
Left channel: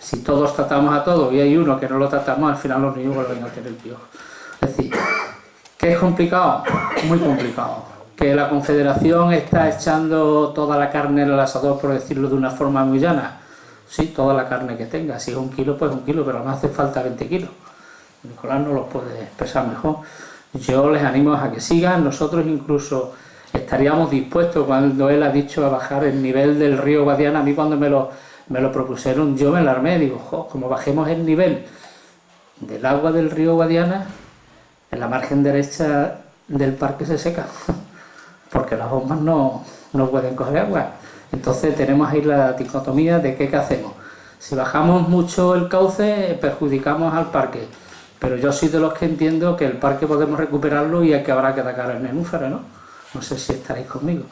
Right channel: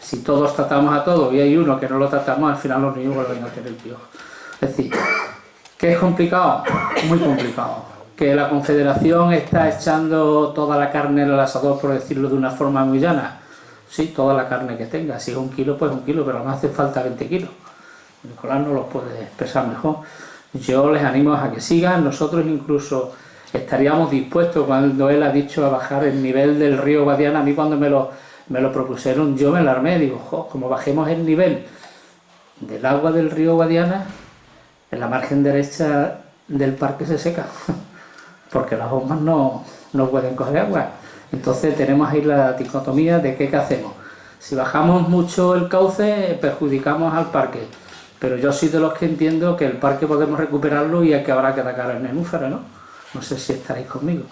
Si todos tratamos a todos y hay uno que no lo tratamos, al final los niños vuelven a tener piojo. Es decir, ¿qué es complicado? Muy complicado. Que la Confederación está echando toda la carne en el asador, por decirlo de una forma muy llana. Sí, toda la carne que tenga. Si es 1 kilo, pues 1 kilo, pero no hace falta 20 kilos. Nicolás no los puede expresar mejor. Yo les animo a que sigan. Nosotros incluso estaríamos dispuestos, cuando él ha dicho, a bajar el nivel del río Guadiana. A mí cuando me lo propusieron, yo me alarmé. Digo, como bajemos el nivel del agua del río Guadiana, en la margen derecha del parque se seca, porque las bombas no pueden coger agua. Entonces tenemos ahí la dicotomía de qué hacemos. Si bajamos mucho el cauce, perjudicamos al parque. Pero yo soy de los que entiendo que el parque podemos recuperarlo y que habrá que atacar el nenúfero, ¿no? No sé si estaréis conmigo.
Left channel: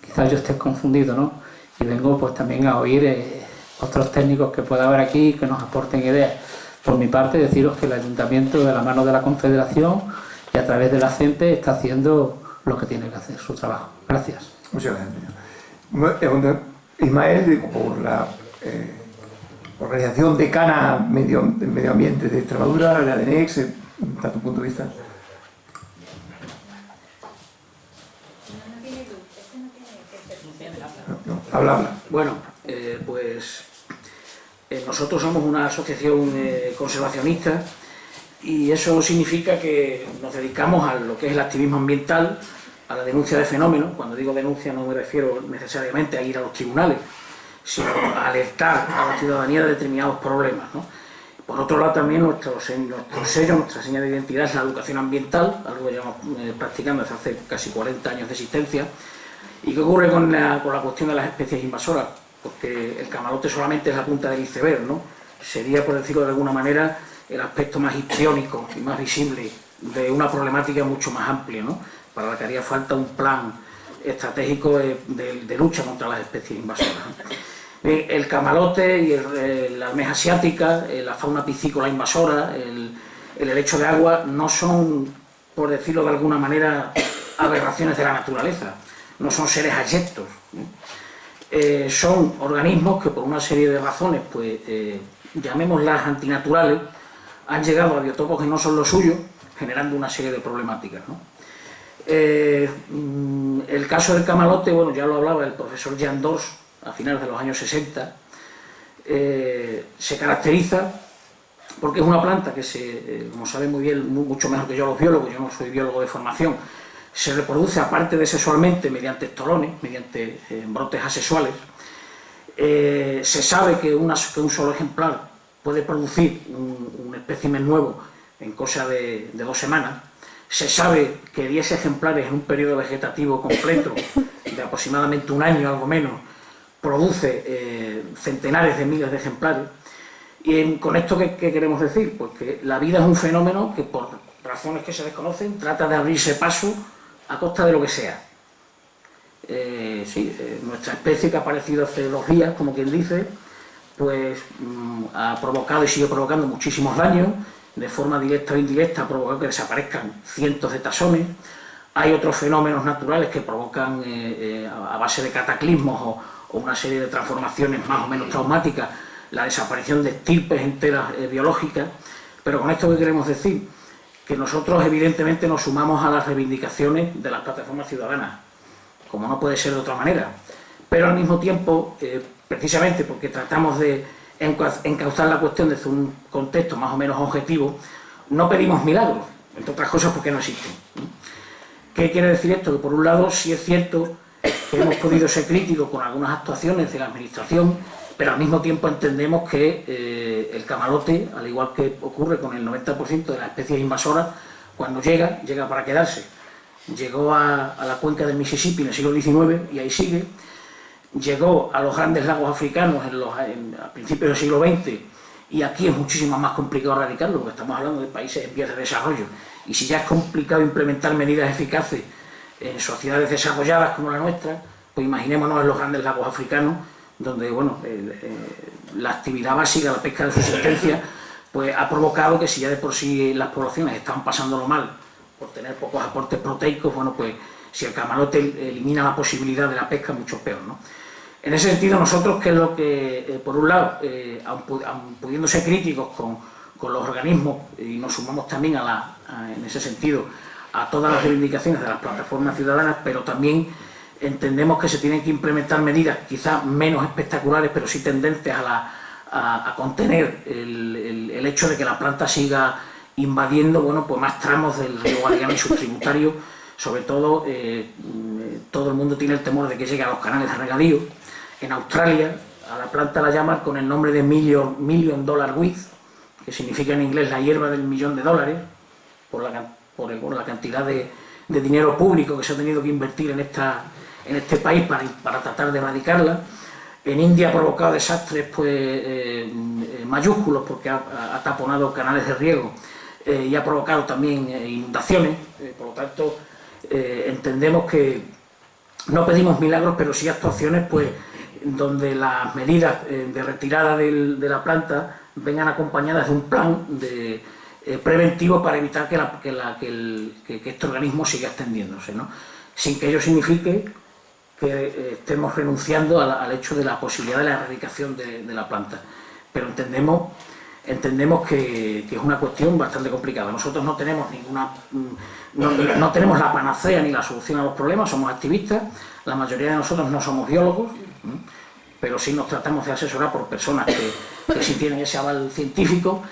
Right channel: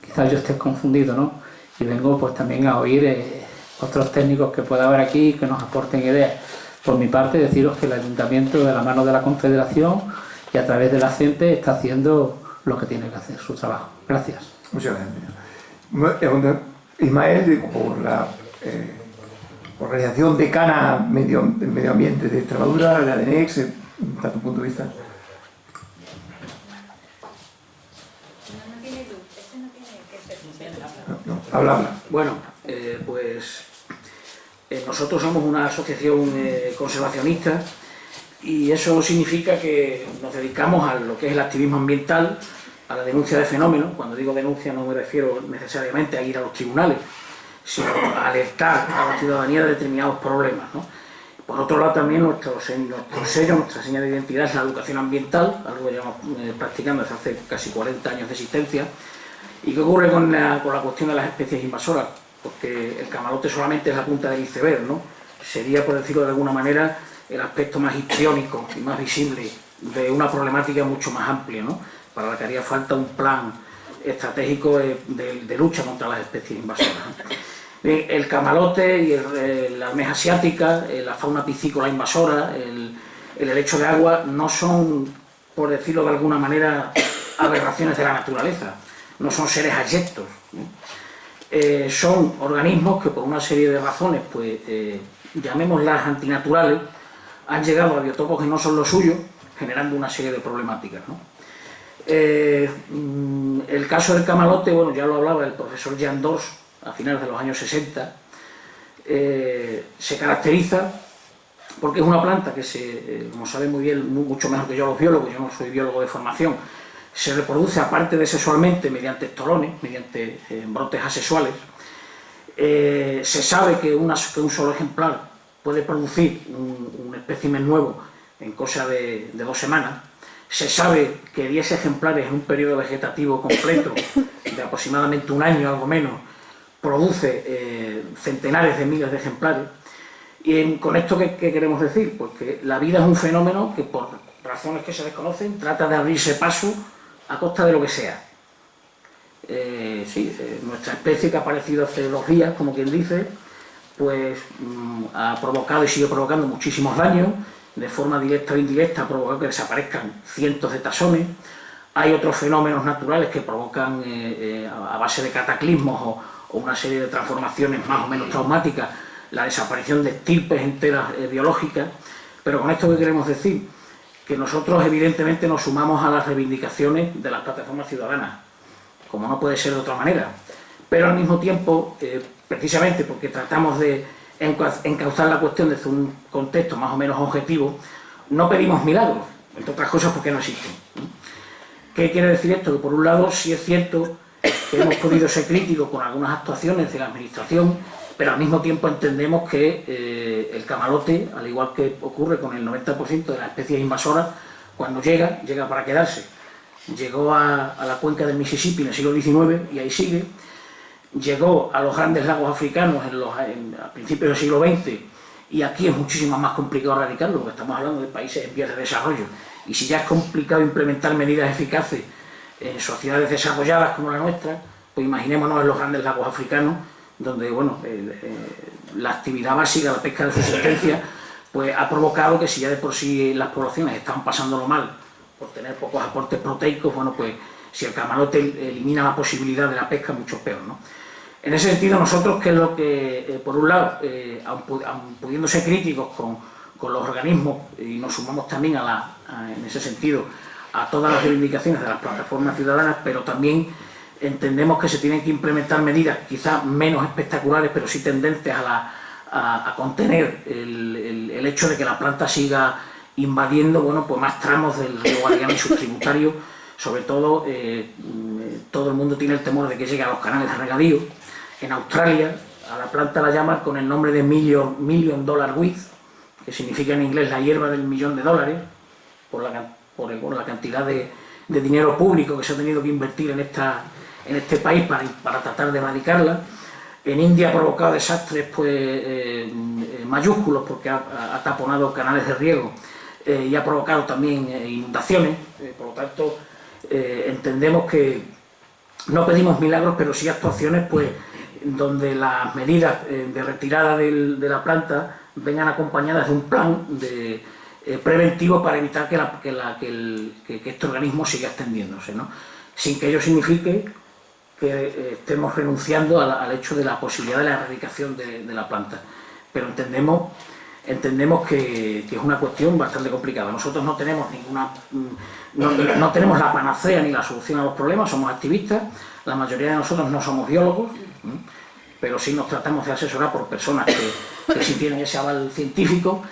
Quizás yo esté confundido, ¿no? Y vengo pues también a oír otros técnicos que pueda haber aquí que nos aporten ideas. Por mi parte, deciros que el Ayuntamiento, de la mano de la Confederación y a través de la CENTE, está haciendo lo que tiene que hacer, su trabajo. Gracias. Muchas gracias. Ismael, por la Organización Decana Medio Ambiente de Extremadura, la DENEX, ¿está tu punto de vista? No, habla. Bueno, nosotros somos una asociación conservacionista y eso significa que nos dedicamos a lo que es el activismo ambiental, a la denuncia de fenómenos. Cuando digo denuncia no me refiero necesariamente a ir a los tribunales, sino a alertar a la ciudadanía de determinados problemas, ¿no? Por otro lado, también nuestro sello, nuestra señal de identidad es la educación ambiental, algo que llevamos practicando desde hace casi 40 años de existencia. ¿Y qué ocurre con la cuestión de las especies invasoras? Porque el camalote solamente es la punta del iceberg, ¿no? Sería, por decirlo de alguna manera, el aspecto más histriónico y más visible de una problemática mucho más amplia, ¿no? Para la que haría falta un plan estratégico de lucha contra las especies invasoras, ¿no? El camalote y la almeja asiática, la fauna piscícola invasora, el helecho de agua, no son, por decirlo de alguna manera, aberraciones de la naturaleza, no son seres abyectos, ¿no? Son organismos que por una serie de razones, pues llamémoslas antinaturales, han llegado a biotopos que no son los suyos, generando una serie de problemáticas, ¿no? El caso del camalote, bueno, ya lo hablaba el profesor Jean Dors a finales de los años 60, se caracteriza porque es una planta que como saben muy bien, mucho mejor que yo los biólogos, yo no soy biólogo de formación, se reproduce aparte de sexualmente mediante estolones, mediante brotes asexuales. Se sabe que un solo ejemplar puede producir un espécimen nuevo en cosa de 2 semanas. Se sabe que 10 ejemplares en un periodo vegetativo completo de aproximadamente 1 año, algo menos, produce centenares de miles de ejemplares. Y con esto, ¿qué queremos decir? Pues que la vida es un fenómeno que, por razones que se desconocen, trata de abrirse paso a costa de lo que sea. Nuestra especie, que ha aparecido hace 2 días, como quien dice, pues ha provocado y sigue provocando muchísimos daños. De forma directa o indirecta ha provocado que desaparezcan cientos de taxones, Hay otros fenómenos naturales que provocan, a base de cataclismos o una serie de transformaciones más o menos traumáticas, la desaparición de estirpes enteras biológicas. Pero con esto, ¿qué queremos decir? Que nosotros evidentemente nos sumamos a las reivindicaciones de las plataformas ciudadanas, como no puede ser de otra manera. Pero al mismo tiempo, precisamente porque tratamos de encauzar la cuestión desde un contexto más o menos objetivo, no pedimos milagros, entre otras cosas porque no existen. ¿Qué quiere decir esto? Que por un lado sí es cierto que hemos podido ser críticos con algunas actuaciones de la Administración, pero al mismo tiempo entendemos que el camalote, al igual que ocurre con el 90% de las especies invasoras, cuando llega para quedarse. Llegó a la cuenca del Mississippi en el siglo XIX y ahí sigue. Llegó a los grandes lagos africanos a principios del siglo XX, y aquí es muchísimo más complicado erradicarlo, porque estamos hablando de países en vías de desarrollo. Y si ya es complicado implementar medidas eficaces en sociedades desarrolladas como la nuestra, pues imaginémonos en los grandes lagos africanos, donde bueno, la actividad básica, la pesca de subsistencia, pues ha provocado que si ya de por sí las poblaciones estaban pasándolo mal por tener pocos aportes proteicos, bueno, pues si el camalote elimina la posibilidad de la pesca, mucho peor, ¿no? En ese sentido, nosotros, que es lo que, por un lado, aun pudiendo ser críticos con los organismos, y nos sumamos también en ese sentido a todas las reivindicaciones de las plataformas ciudadanas, pero también entendemos que se tienen que implementar medidas quizás menos espectaculares, pero sí tendentes a contener el hecho de que la planta siga invadiendo, bueno, pues más tramos del río Guadiana y sus tributarios. Sobre todo, todo el mundo tiene el temor de que llegue a los canales de regadío. En Australia, a la planta la llaman con el nombre de Million Dollar Weed, que significa en inglés la hierba del $1.000.000, por la cantidad de dinero público que se ha tenido que invertir en este país para tratar de erradicarla. En India ha provocado desastres pues, mayúsculos, porque ha taponado canales de riego y ha provocado también inundaciones. Por lo tanto, entendemos que no pedimos milagros, pero sí actuaciones pues, donde las medidas de retirada de la planta vengan acompañadas de un plan preventivo para evitar que este organismo siga extendiéndose, ¿no? Sin que ello signifique que estemos renunciando al hecho de la posibilidad de la erradicación de la planta. Pero entendemos que es una cuestión bastante complicada. Nosotros no tenemos no tenemos la panacea ni la solución a los problemas, somos activistas, la mayoría de nosotros no somos biólogos, pero sí nos tratamos de asesorar por personas que sí tienen ese aval científico,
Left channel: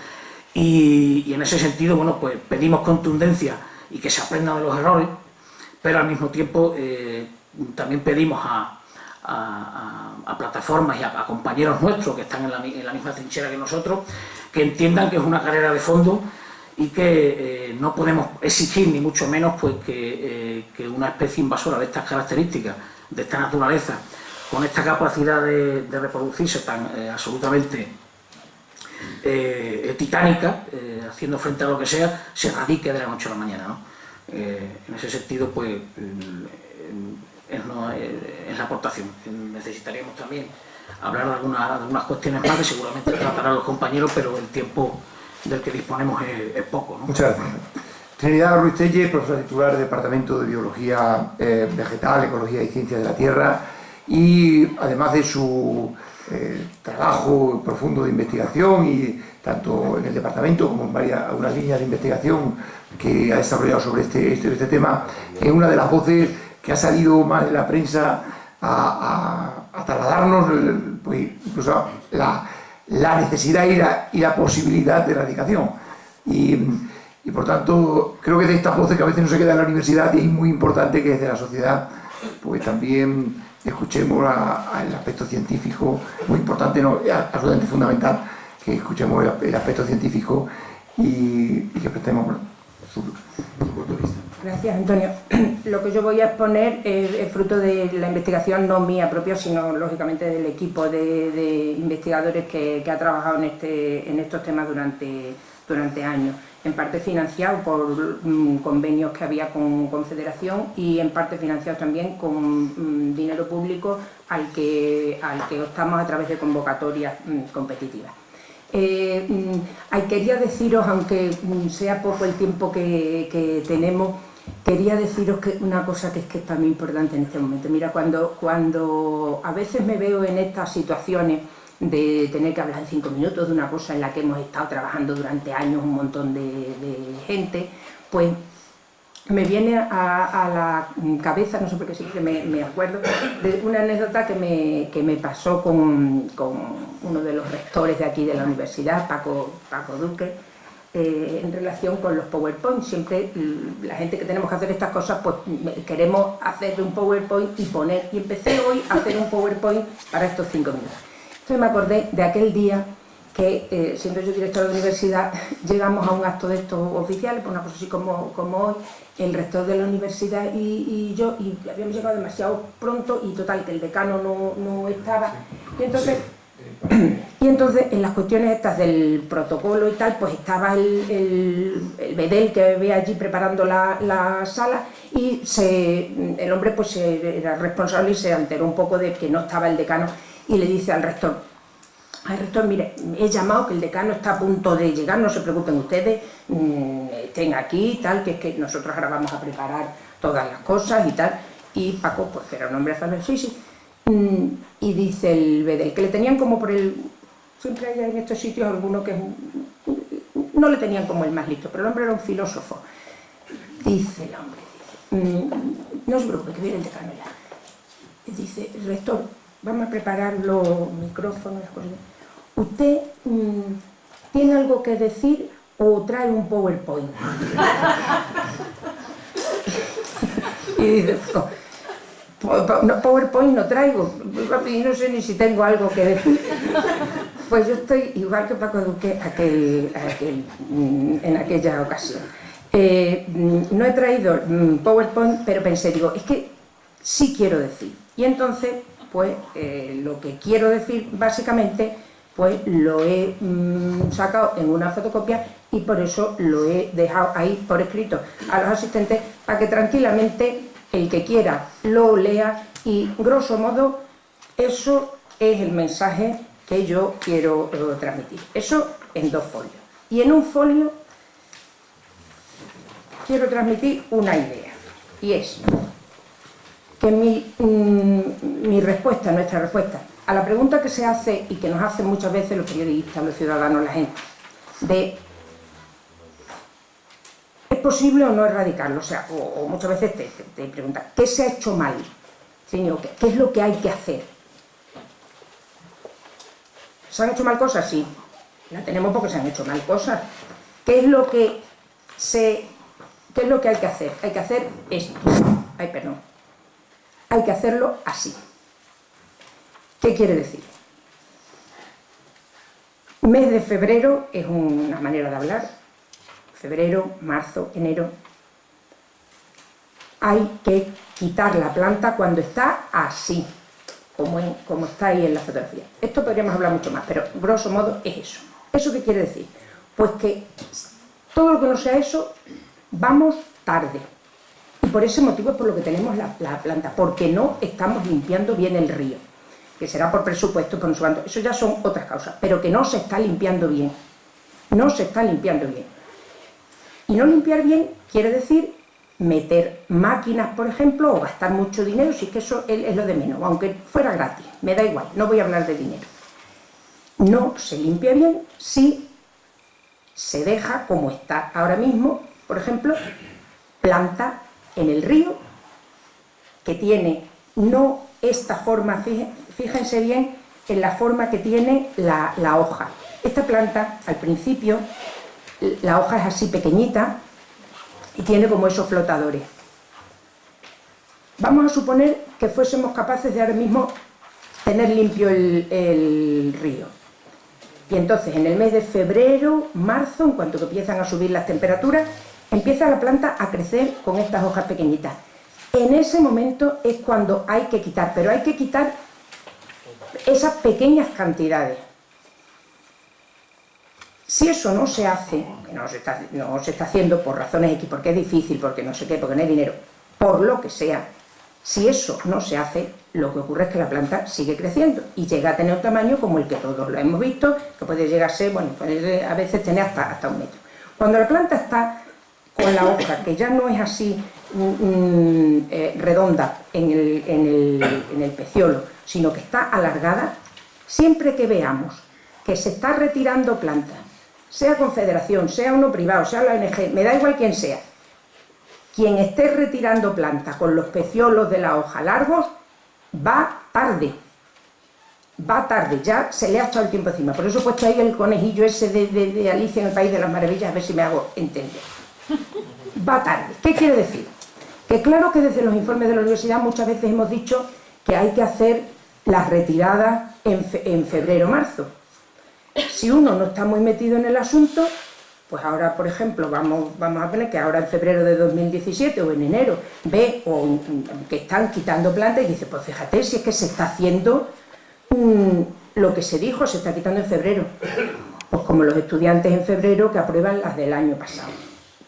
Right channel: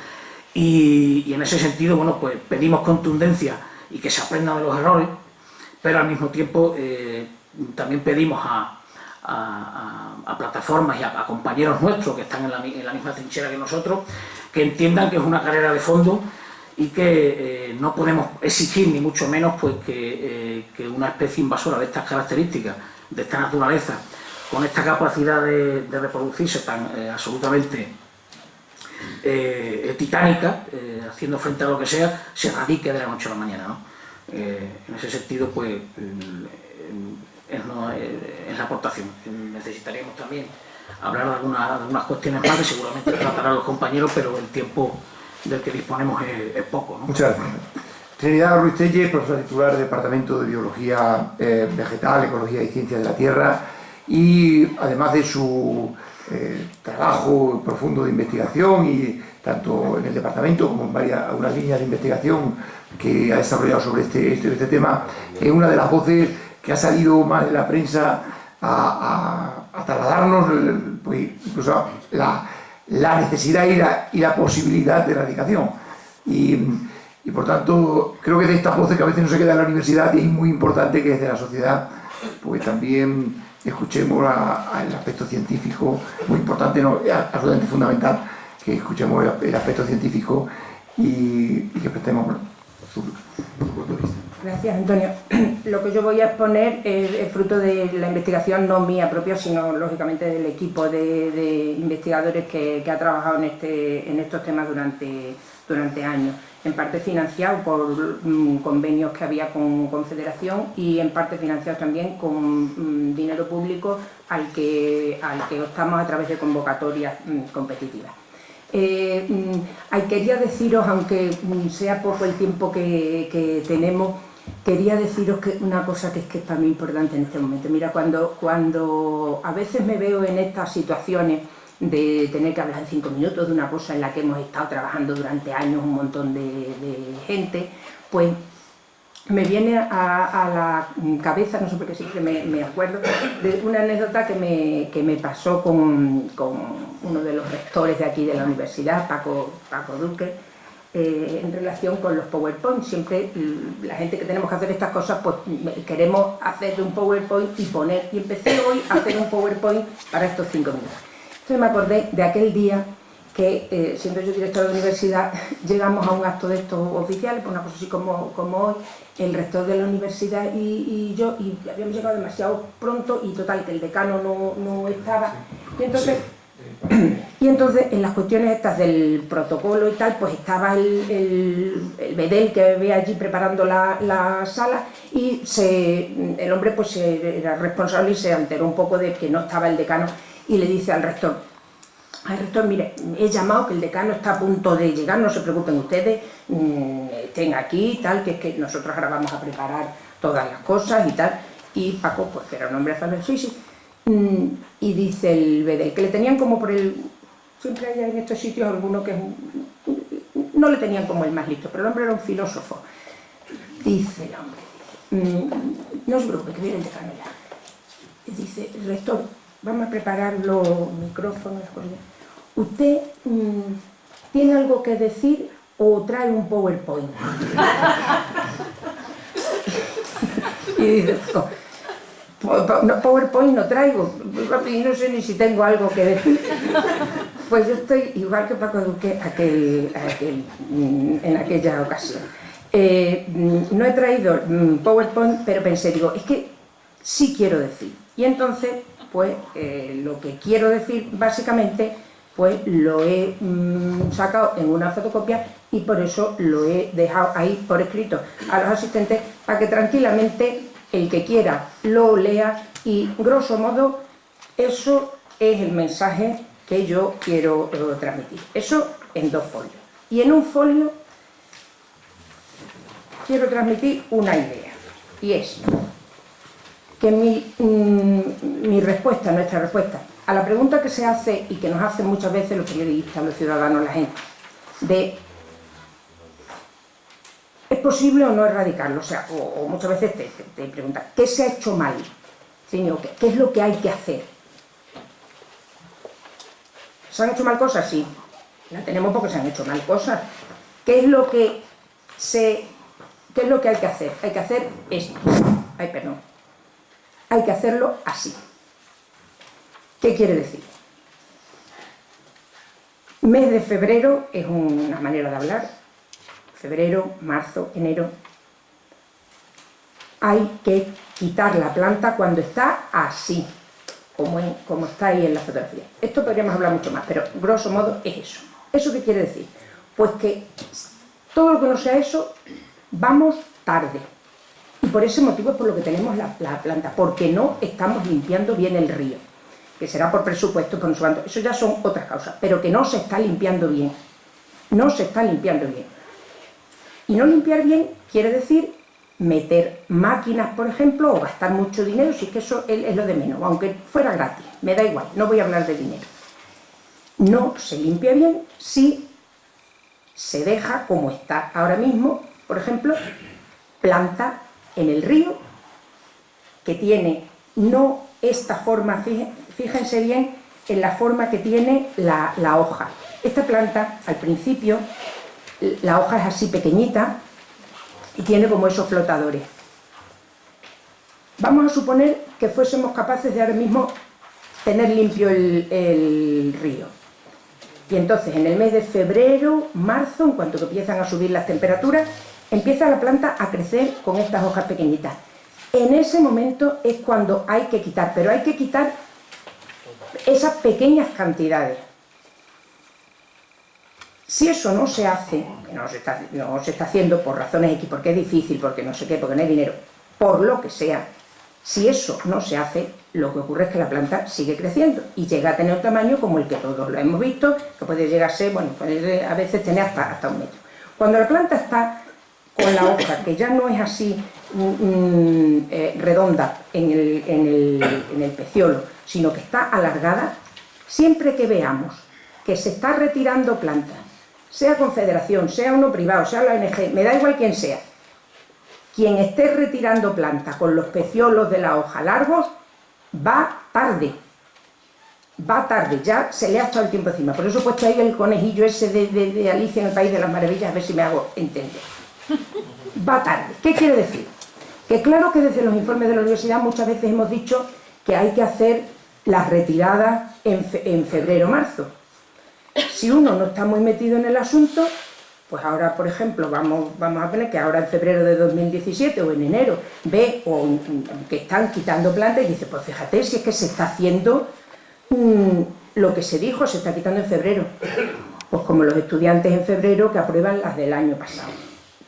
y en ese sentido, bueno, pues pedimos contundencia y que se aprenda de los errores, pero al mismo tiempo también pedimos a plataformas y a compañeros nuestros que están en la misma trinchera que nosotros, que entiendan que es una carrera de fondo y que no podemos exigir, ni mucho menos, pues que una especie invasora de estas características, de esta naturaleza, con esta capacidad de reproducirse tan absolutamente titánica, haciendo frente a lo que sea, se erradique de la noche a la mañana, ¿no? En ese sentido, pues es la aportación. Necesitaríamos también hablar de algunas cuestiones más que seguramente tratarán los compañeros, pero el tiempo del que disponemos es poco, ¿no? Muchas gracias. Trinidad Ruiz Tellez, profesora titular del Departamento de Biología Vegetal, Ecología y Ciencias de la Tierra, y además de su trabajo profundo de investigación, y tanto en el departamento como en algunas líneas de investigación que ha desarrollado sobre este tema, es una de las voces que ha salido más en la prensa a trasladarnos pues, incluso la necesidad y la posibilidad de erradicación. Y por tanto, creo que de estas voces que a veces no se quedan en la universidad, y es muy importante que desde la sociedad pues también escuchemos el aspecto científico, muy importante, ¿no? Absolutamente fundamental que escuchemos el aspecto científico y que prestemos su punto de vista. Gracias, Antonio. Lo que yo voy a exponer es fruto de la investigación, no mía propia, sino lógicamente del equipo de investigadores que ha trabajado en estos temas durante años. En parte financiado por convenios que había con Federación, y en parte financiados también con dinero público al que optamos a través de convocatorias competitivas. Quería deciros, aunque sea poco el tiempo que tenemos, quería deciros que una cosa que es para mí importante en este momento. Mira, cuando a veces me veo en estas situaciones de tener que hablar en 5 minutos de una cosa en la que hemos estado trabajando durante años un montón de gente, pues me viene a la cabeza, no sé por qué siempre me acuerdo, de una anécdota que me pasó con uno de los rectores de aquí de la universidad, Paco Duque, en relación con los PowerPoint. Siempre la gente que tenemos que hacer estas cosas, pues queremos hacer un PowerPoint y poner, y empecé hoy a hacer un PowerPoint para estos 5 minutos. Entonces me acordé de aquel día que, siendo yo directora de universidad, llegamos a un acto de estos oficiales, pues una cosa así como hoy, el rector de la universidad y yo, y habíamos llegado demasiado pronto, y total, que el decano no estaba, y entonces en las cuestiones estas del protocolo y tal, pues estaba el bedel que ve allí preparando la sala, y el hombre pues era responsable y se enteró un poco de que no estaba el decano, y le dice al rector: "Ay, rector, mire, he llamado, que el decano está a punto de llegar, no se preocupen ustedes, estén aquí y tal, que es que nosotros ahora vamos a preparar todas las cosas y tal". Y Paco, pues que era un hombre afable, sí. Y dice el bedel, que le tenían como por el... Siempre hay en estos sitios alguno que no le tenían como el más listo, pero el hombre era un filósofo. Dice el hombre, no se preocupe, que viene el decano ya. Dice: rector, vamos a preparar los micrófonos, las cosas. ¿Usted tiene algo que decir o trae un PowerPoint? Y dice: no, PowerPoint no traigo, y no sé ni si tengo algo que decir. Pues yo estoy igual que Paco Duque en aquella ocasión. No he traído PowerPoint, pero pensé, digo, es que sí quiero decir. Y entonces, pues lo que quiero decir básicamente, pues lo he sacado en una fotocopia, y por eso lo he dejado ahí por escrito a los asistentes, para que tranquilamente el que quiera lo lea, y grosso modo eso es el mensaje que yo quiero transmitir. Eso en 2 folios. Y en un folio quiero transmitir una idea, y es que mi respuesta, nuestra respuesta a la pregunta que se hace y que nos hacen muchas veces los periodistas, los ciudadanos, la gente, de ¿es posible o no erradicarlo? O sea, o muchas veces te preguntan, ¿qué se ha hecho mal? Señor, ¿qué es lo que hay que hacer? ¿Se han hecho mal cosas? Sí. La tenemos porque se han hecho mal cosas. ¿Qué es lo que hay que hacer? Hay que hacer esto. Hay que hacerlo así. ¿Qué quiere decir? Mes de febrero es una manera de hablar. Febrero, marzo, enero. Hay que quitar la planta cuando está así, como está ahí en la fotografía. Esto podríamos hablar mucho más, pero grosso modo es eso. ¿Eso qué quiere decir? Pues que todo lo que no sea eso, vamos tarde. Y por ese motivo es por lo que tenemos la planta, porque no estamos limpiando bien el río, que será por presupuesto, por no sé cuánto. Eso ya son otras causas, pero que no se está limpiando bien. No se está limpiando bien. Y no limpiar bien quiere decir meter máquinas, por ejemplo, o gastar mucho dinero, si es que eso es lo de menos, aunque fuera gratis, me da igual, no voy a hablar de dinero. No se limpia bien si se deja como está ahora mismo, por ejemplo, planta en el río, que tiene no esta forma, fíjense bien en la forma que tiene la hoja. Esta planta, al principio, la hoja es así pequeñita y tiene como esos flotadores. Vamos a suponer que fuésemos capaces de ahora mismo tener limpio el río. Y entonces en el mes de febrero, marzo, en cuanto que empiezan a subir las temperaturas, empieza la planta a crecer con estas hojas pequeñitas. En ese momento es cuando hay que quitar, pero hay que quitar esas pequeñas cantidades. Si eso no se hace, que no se está haciendo por razones X, porque es difícil, porque no sé qué, porque no hay dinero, por lo que sea, si eso no se hace, lo que ocurre es que la planta sigue creciendo y llega a tener un tamaño como el que todos lo hemos visto, que puede llegar a ser, bueno, puede a veces tener hasta 1 metro. Cuando la planta está con la hoja, que ya no es así redonda en el peciolo, sino que está alargada, siempre que veamos que se está retirando plantas, sea confederación, sea uno privado, sea la ONG, me da igual quién sea, quien esté retirando plantas con los peciolos de la hoja largos, va tarde, ya se le ha echado el tiempo encima. Por eso he puesto ahí el conejillo ese de Alicia en el País de las Maravillas, a ver si me hago entender. Va tarde. ¿Qué quiere decir? Que claro que desde los informes de la universidad muchas veces hemos dicho que hay que hacer las retiradas en febrero o marzo. Si uno no está muy metido en el asunto, pues ahora, por ejemplo, vamos a poner que ahora en febrero de 2017 o en enero ve que están quitando plantas y dice, pues fíjate si es que se está haciendo lo que se dijo, se está quitando en febrero. Pues como los estudiantes en febrero que aprueban las del año pasado.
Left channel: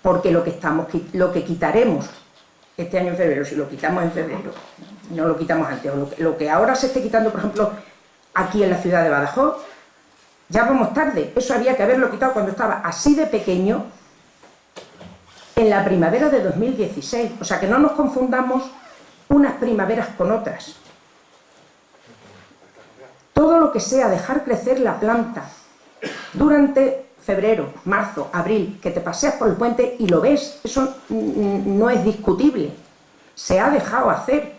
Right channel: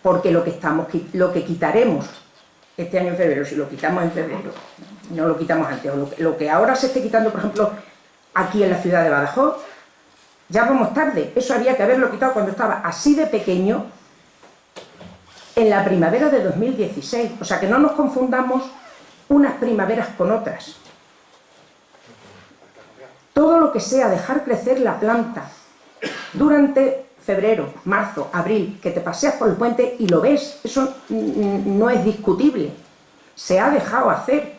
Porque lo que quitaremos este año en febrero, si lo quitamos en febrero, no lo quitamos antes, o lo que ahora se esté quitando, por ejemplo, aquí en la ciudad de Badajoz, ya vamos tarde. Eso había que haberlo quitado cuando estaba así de pequeño en la primavera de 2016. O sea, que no nos confundamos unas primaveras con otras. Todo lo que sea dejar crecer la planta durante febrero, marzo, abril, que te paseas por el puente y lo ves, eso no es discutible. Se ha dejado hacer.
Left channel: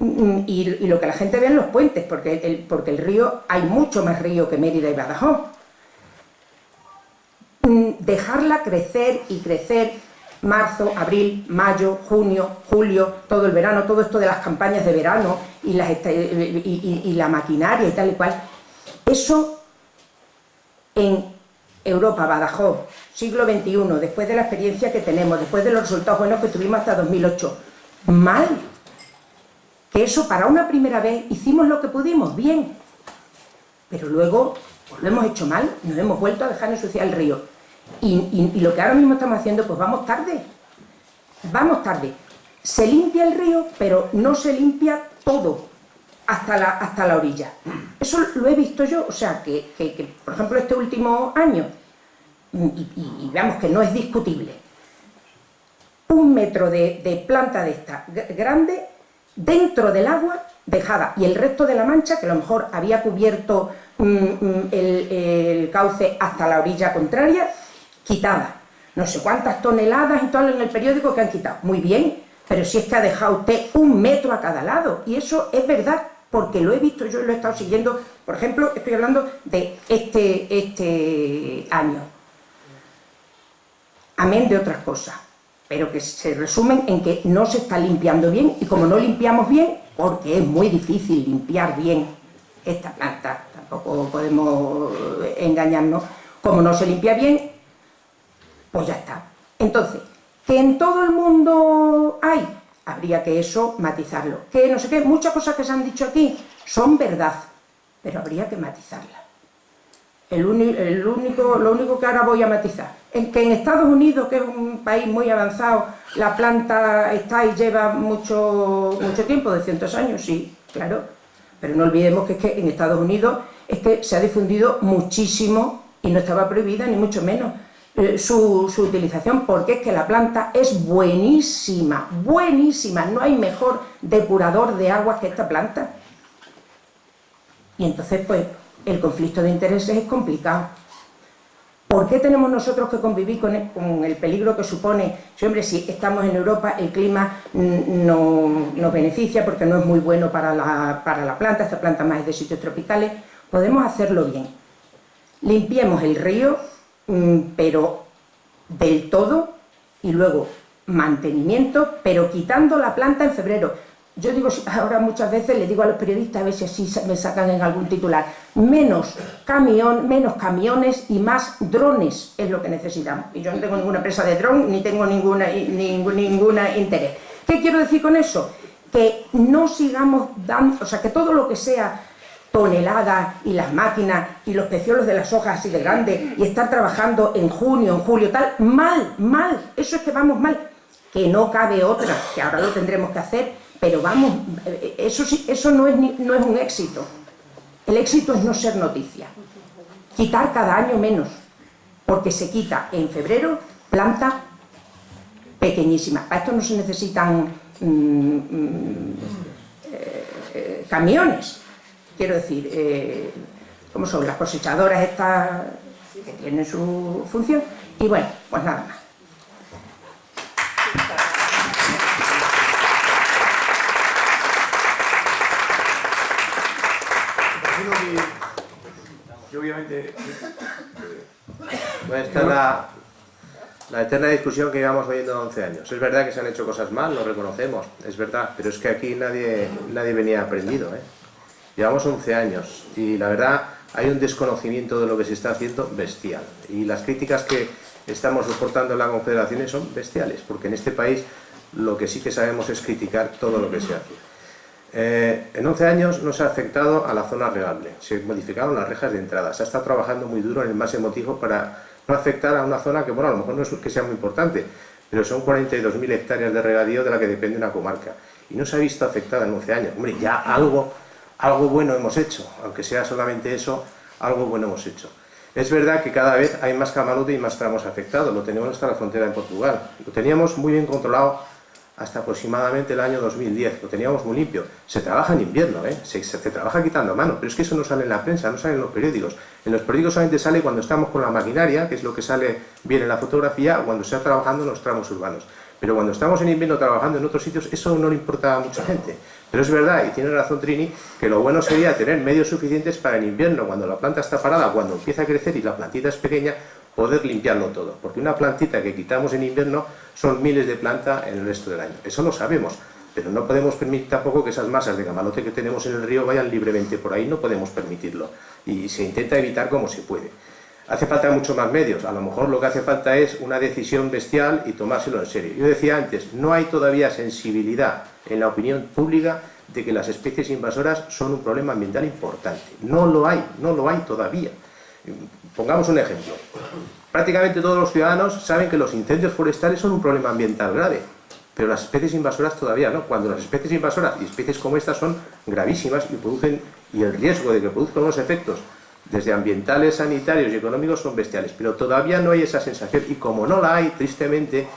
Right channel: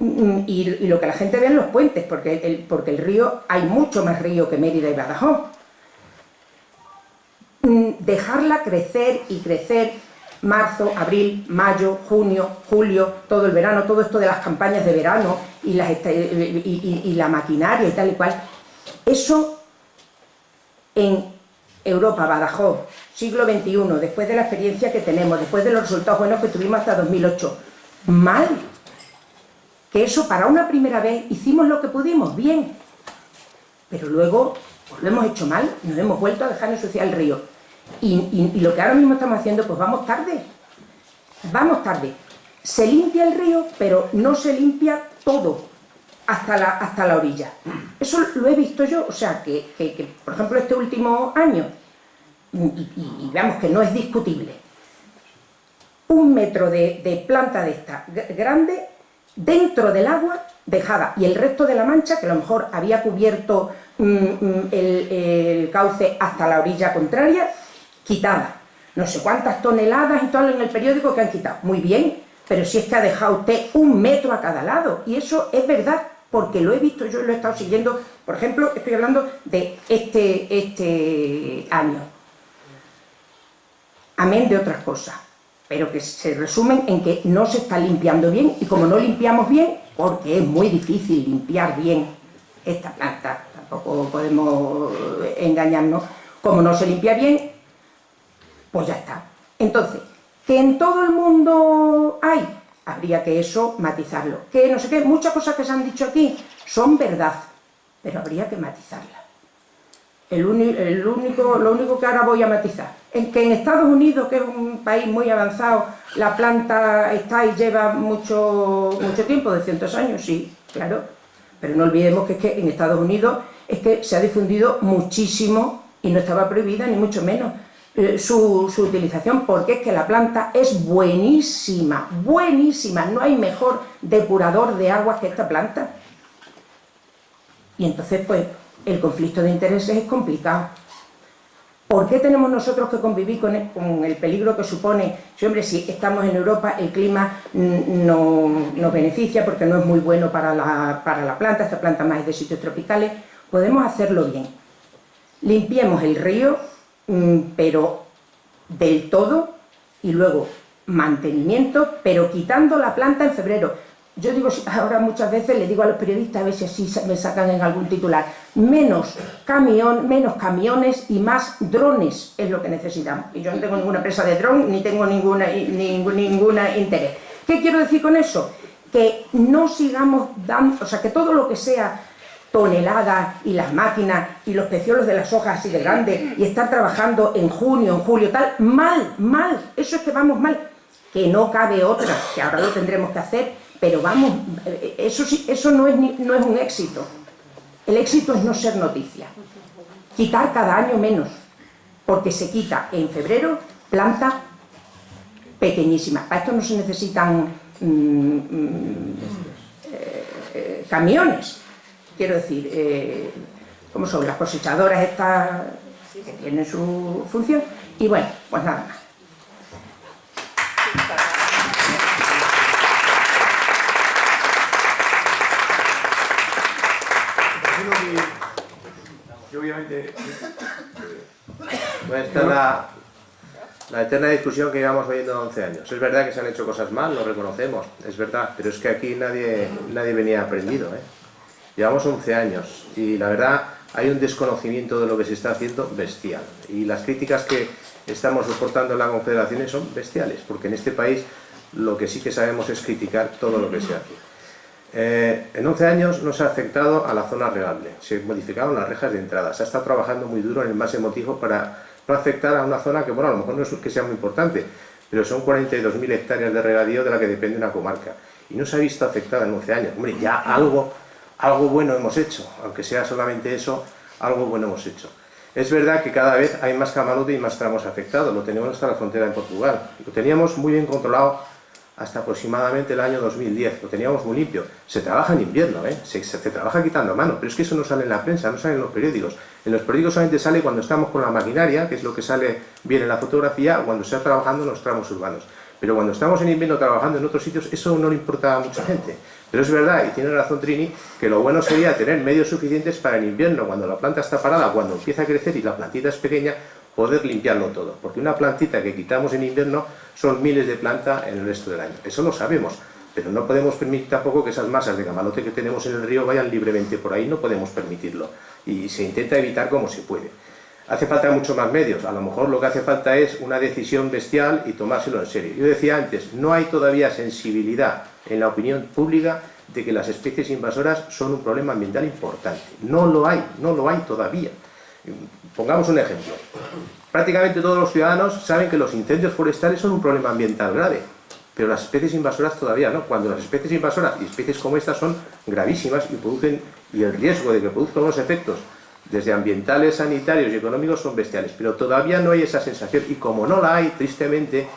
Y lo que la gente ve en los puentes, porque el río, hay mucho más río que Mérida y Badajoz. Dejarla crecer y crecer marzo, abril, mayo, junio, julio, todo el verano, todo esto de las campañas de verano y la maquinaria y tal y cual, eso en Europa, Badajoz, siglo XXI, después de la experiencia que tenemos, después de los resultados buenos que tuvimos hasta 2008, mal. Que eso para una primera vez hicimos lo que pudimos, bien, pero luego pues lo hemos hecho mal, nos hemos vuelto a dejar ensuciar el río y lo que ahora mismo estamos haciendo, pues vamos tarde, se limpia el río pero no se limpia todo hasta la orilla. Eso lo he visto yo, o sea que por ejemplo este último año, y veamos que no es discutible, 1 metro de planta de esta grande dentro del agua dejada, y el resto de la mancha, que a lo mejor había cubierto el cauce hasta la orilla contraria, quitada. No sé cuántas toneladas y todo en el periódico que han quitado. Muy bien, pero si es que ha dejado usted 1 metro a cada lado, y eso es verdad, porque lo he visto yo y lo he estado siguiendo. Por ejemplo, estoy hablando de este año. Amén de otras cosas, pero que se resumen en que no se está limpiando bien, y como no limpiamos bien, porque es muy difícil limpiar bien esta planta, tampoco podemos engañarnos, como no se limpia bien, pues ya está. Entonces, que en todo el mundo hay, habría que eso matizarlo. Que no sé qué, muchas cosas que se han dicho aquí son verdad, pero habría que matizarlas. Lo único que ahora voy a matizar es que en Estados Unidos, que es un país muy avanzado, la planta está y lleva mucho tiempo, de cientos años, sí, claro, pero no olvidemos que es que en Estados Unidos es que se ha difundido muchísimo y no estaba prohibida ni mucho menos su utilización, porque es que la planta es buenísima, buenísima, no hay mejor depurador de aguas que esta planta. Y entonces pues el conflicto de intereses es complicado. ¿Por qué tenemos nosotros que convivir con el peligro que supone? Si, hombre, si estamos en Europa, el clima nos beneficia porque no es muy bueno para la planta, esta planta más es de sitios tropicales, podemos hacerlo bien. Limpiemos el río, pero del todo, y luego mantenimiento, pero quitando la planta en febrero. Yo digo, ahora muchas veces le digo a los periodistas, a ver si así me sacan en algún titular, menos camiones y más drones es lo que necesitamos. Y yo no tengo ninguna empresa de dron, ni tengo ninguna interés. ¿Qué quiero decir con eso? Que no sigamos dando, o sea, que todo lo que sea toneladas y las máquinas y los peciolos de las hojas así de grandes y estar trabajando en junio, en julio, tal, mal, eso es que vamos mal. Que no cabe otra, que ahora lo tendremos que hacer. Pero vamos, eso no es un éxito. El éxito es no ser noticia. Quitar cada año menos. porque se quita en febrero plantas pequeñísimas. Para esto no se necesitan camiones, quiero decir, como son las cosechadoras estas que tienen su función, y bueno, pues nada más. Yo obviamente... Pues esta es la eterna discusión que llevamos oyendo 11 años. Es verdad que se han hecho cosas mal, lo reconocemos, es verdad, pero es que aquí nadie venía aprendido, ¿eh? Llevamos 11 años y la verdad hay un desconocimiento de lo que se está haciendo bestial. Y las críticas que estamos soportando en la Confederación son bestiales, porque en este país lo que sí que sabemos es criticar todo lo que se hace. En 11 años no se ha afectado a la zona regable, se modificaron las rejas de entrada, se ha estado trabajando muy duro en el máximo motivo para no afectar a una zona que, bueno, a lo mejor no es que sea muy importante, pero son 42.000 hectáreas de regadío de la que depende una comarca, y no se ha visto afectada en 11 años. Hombre, ya algo bueno hemos hecho, aunque sea solamente eso, algo bueno hemos hecho. Es verdad que cada vez hay más camalote y más tramos afectados, lo tenemos hasta la frontera en Portugal, lo teníamos muy bien controlado hasta aproximadamente el año 2010, lo teníamos muy limpio. Se trabaja en invierno, se trabaja quitando a mano, pero es que eso no sale en la prensa, no sale en los periódicos. En los periódicos solamente sale cuando estamos con la maquinaria, que es lo que sale bien en la fotografía, o cuando se está trabajando en los tramos urbanos. Pero cuando estamos en invierno trabajando en otros sitios, eso no le importa a mucha gente. Pero es verdad, y tiene razón Trini, que lo bueno sería tener medios suficientes para en invierno, cuando la planta está parada, cuando empieza a crecer y la plantita es pequeña, poder limpiarlo todo. Porque una plantita que quitamos en invierno son miles de plantas en el resto del año. Eso lo sabemos, pero no podemos permitir tampoco que esas masas de camalote que tenemos en el río vayan libremente por ahí, no podemos permitirlo. Y se intenta evitar como se puede. Hace falta mucho más medios, a lo mejor lo que hace falta es una decisión bestial y tomárselo en serio. Yo decía antes, no hay todavía sensibilidad en la opinión pública de que las especies invasoras son un problema ambiental importante. No lo hay todavía. Pongamos un ejemplo. Prácticamente todos los ciudadanos saben que los incendios forestales son un problema ambiental grave, pero las especies invasoras todavía no. Cuando las especies invasoras y especies como estas son gravísimas y el riesgo de que produzcan unos efectos desde ambientales, sanitarios y económicos son bestiales, pero todavía no hay esa sensación, y como no la hay, tristemente,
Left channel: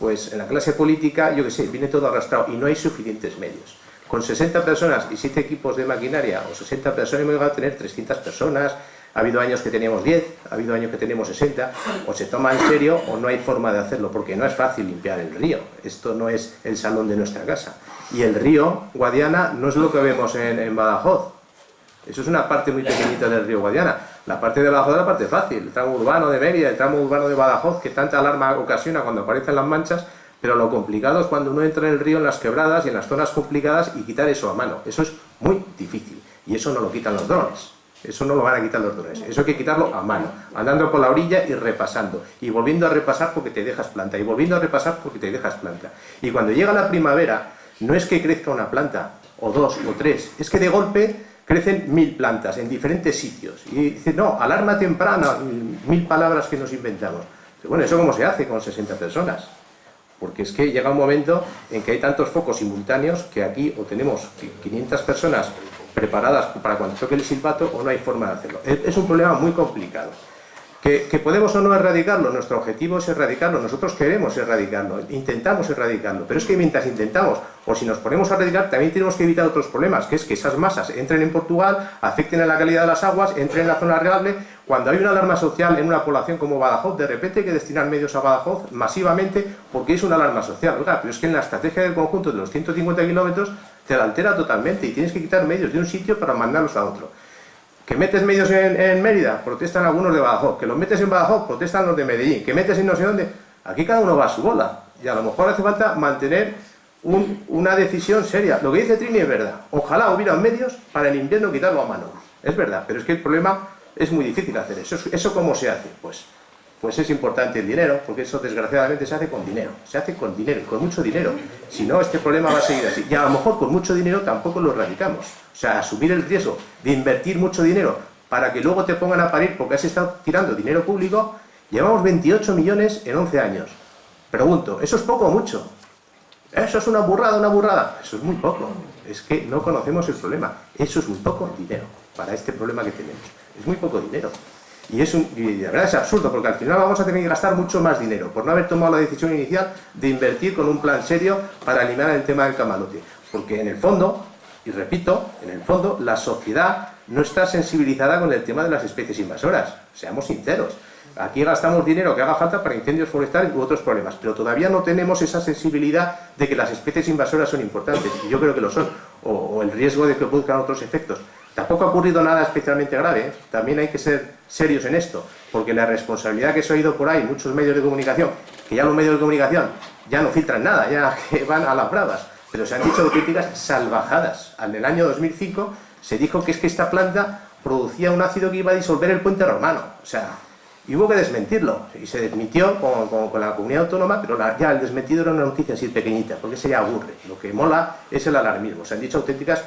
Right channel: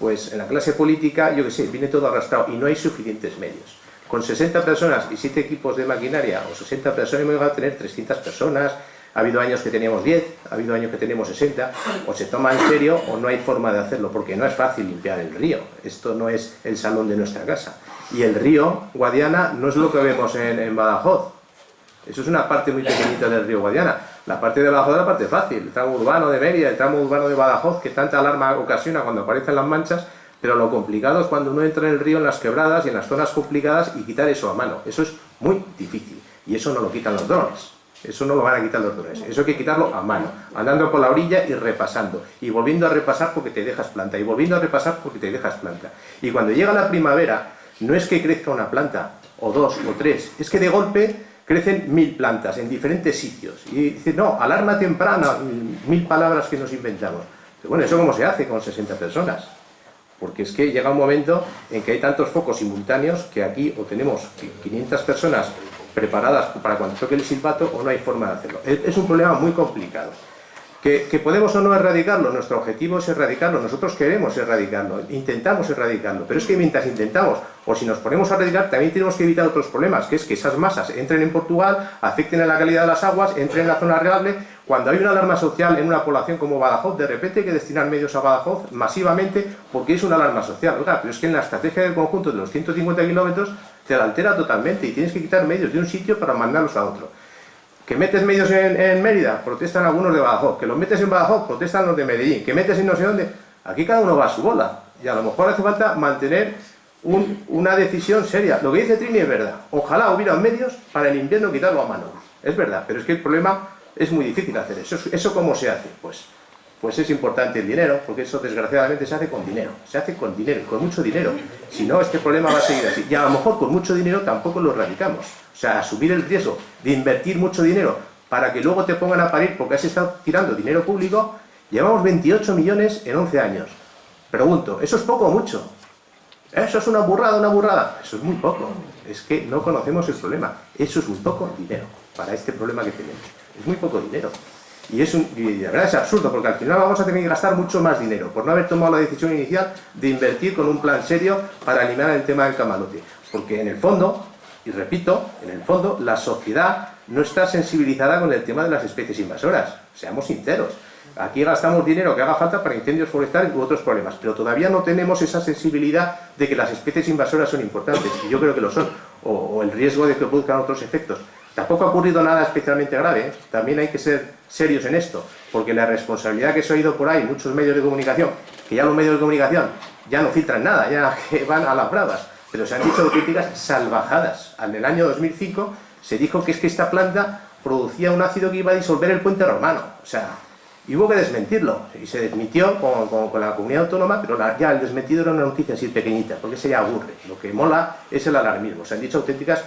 pues en la clase política, yo que sé, viene todo arrastrado y no hay suficientes medios. Con 60 personas y 7 equipos de maquinaria, o 60 personas, hemos llegado a tener 300 personas, ha habido años que teníamos 10, ha habido años que tenemos 60, o se toma en serio o no hay forma de hacerlo, porque no es fácil limpiar el río, esto no es el salón de nuestra casa. Y el río Guadiana no es lo que vemos en Badajoz. Eso es una parte muy pequeñita del río Guadiana. La parte de Badajoz es la parte fácil, el tramo urbano de Mérida, el tramo urbano de Badajoz, que tanta alarma ocasiona cuando aparecen las manchas, pero lo complicado es cuando uno entra en el río, en las quebradas y en las zonas complicadas, y quitar eso a mano. Eso es muy difícil, y eso no lo quitan los drones. Eso no lo van a quitar los drones, eso hay que quitarlo a mano, andando por la orilla y repasando, y volviendo a repasar porque te dejas planta, y volviendo a repasar porque te dejas planta. Y cuando llega la primavera, no es que crezca una planta, o 2, o 3, es que de golpe crecen 1000 plantas en diferentes sitios. Y dicen, no, alarma temprana, 1000 palabras que nos inventamos. Pero bueno, ¿eso cómo se hace con 60 personas? Porque es que llega un momento en que hay tantos focos simultáneos que aquí o tenemos 500 personas preparadas para cuando toque el silbato o no hay forma de hacerlo. Es un problema muy complicado. ¿Que podemos o no erradicarlo? Nuestro objetivo es erradicarlo, nosotros queremos erradicarlo, intentamos erradicarlo, pero es que mientras intentamos, o si nos ponemos a erradicar, también tenemos que evitar otros problemas, que es que esas masas entren en Portugal, afecten a la calidad de las aguas, entren en la zona regable. Cuando hay una alarma social en una población como Badajoz, de repente hay que destinar medios a Badajoz masivamente porque es una alarma social. Oiga, pero es que en la estrategia del conjunto de los 150 kilómetros te la altera totalmente y tienes que quitar medios de un sitio para mandarlos a otro. Que metes medios en Mérida, protestan algunos de Badajoz. Que los metes en Badajoz, protestan los de Medellín. Que metes en no sé dónde. Aquí cada uno va a su bola. Y a lo mejor hace falta mantener una decisión seria. Lo que dice Trini es verdad. Ojalá hubiera medios para el invierno quitarlo a mano. Es verdad, pero es que el problema es muy difícil hacer eso. ¿Eso cómo se hace? Pues es importante el dinero, porque eso desgraciadamente se hace con dinero. Se hace con dinero, con mucho dinero. Si no, este problema va a seguir así. Y a lo mejor con mucho dinero tampoco lo erradicamos. O sea, asumir el riesgo de invertir mucho dinero para que luego te pongan a parir porque has estado tirando dinero público. Llevamos 28 millones en 11 años. Pregunto, ¿eso es poco o mucho? ¿Eso es una burrada, una burrada? Eso es muy poco. Es que no conocemos el problema. Eso es muy poco dinero para este problema que tenemos. Es muy poco dinero. Y de verdad es absurdo, porque al final vamos a tener que gastar mucho más dinero por no haber tomado la decisión inicial de invertir con un plan serio para eliminar el tema del camalote. Porque en el fondo, y repito, en el fondo la sociedad no está sensibilizada con el tema de las especies invasoras, seamos sinceros. Aquí gastamos dinero que haga falta para incendios forestales u otros problemas, pero todavía no tenemos esa sensibilidad de que las especies invasoras son importantes, y yo creo que lo son, o el riesgo de que produzcan otros efectos. Tampoco ha ocurrido nada especialmente grave, ¿eh? También hay que ser serios en esto, porque la responsabilidad que se ha oído por ahí, muchos medios de comunicación, que ya los medios de comunicación ya no filtran nada, ya que van a las bravas, pero se han dicho auténticas salvajadas. En el año 2005 se dijo que es que esta planta producía un ácido que iba a disolver el puente romano, o sea, y hubo que desmentirlo, y se desmintió con la comunidad autónoma, pero ya el desmentido era una noticia así pequeñita, porque se ya aburre. Lo que mola es el alarmismo. Se han dicho auténticas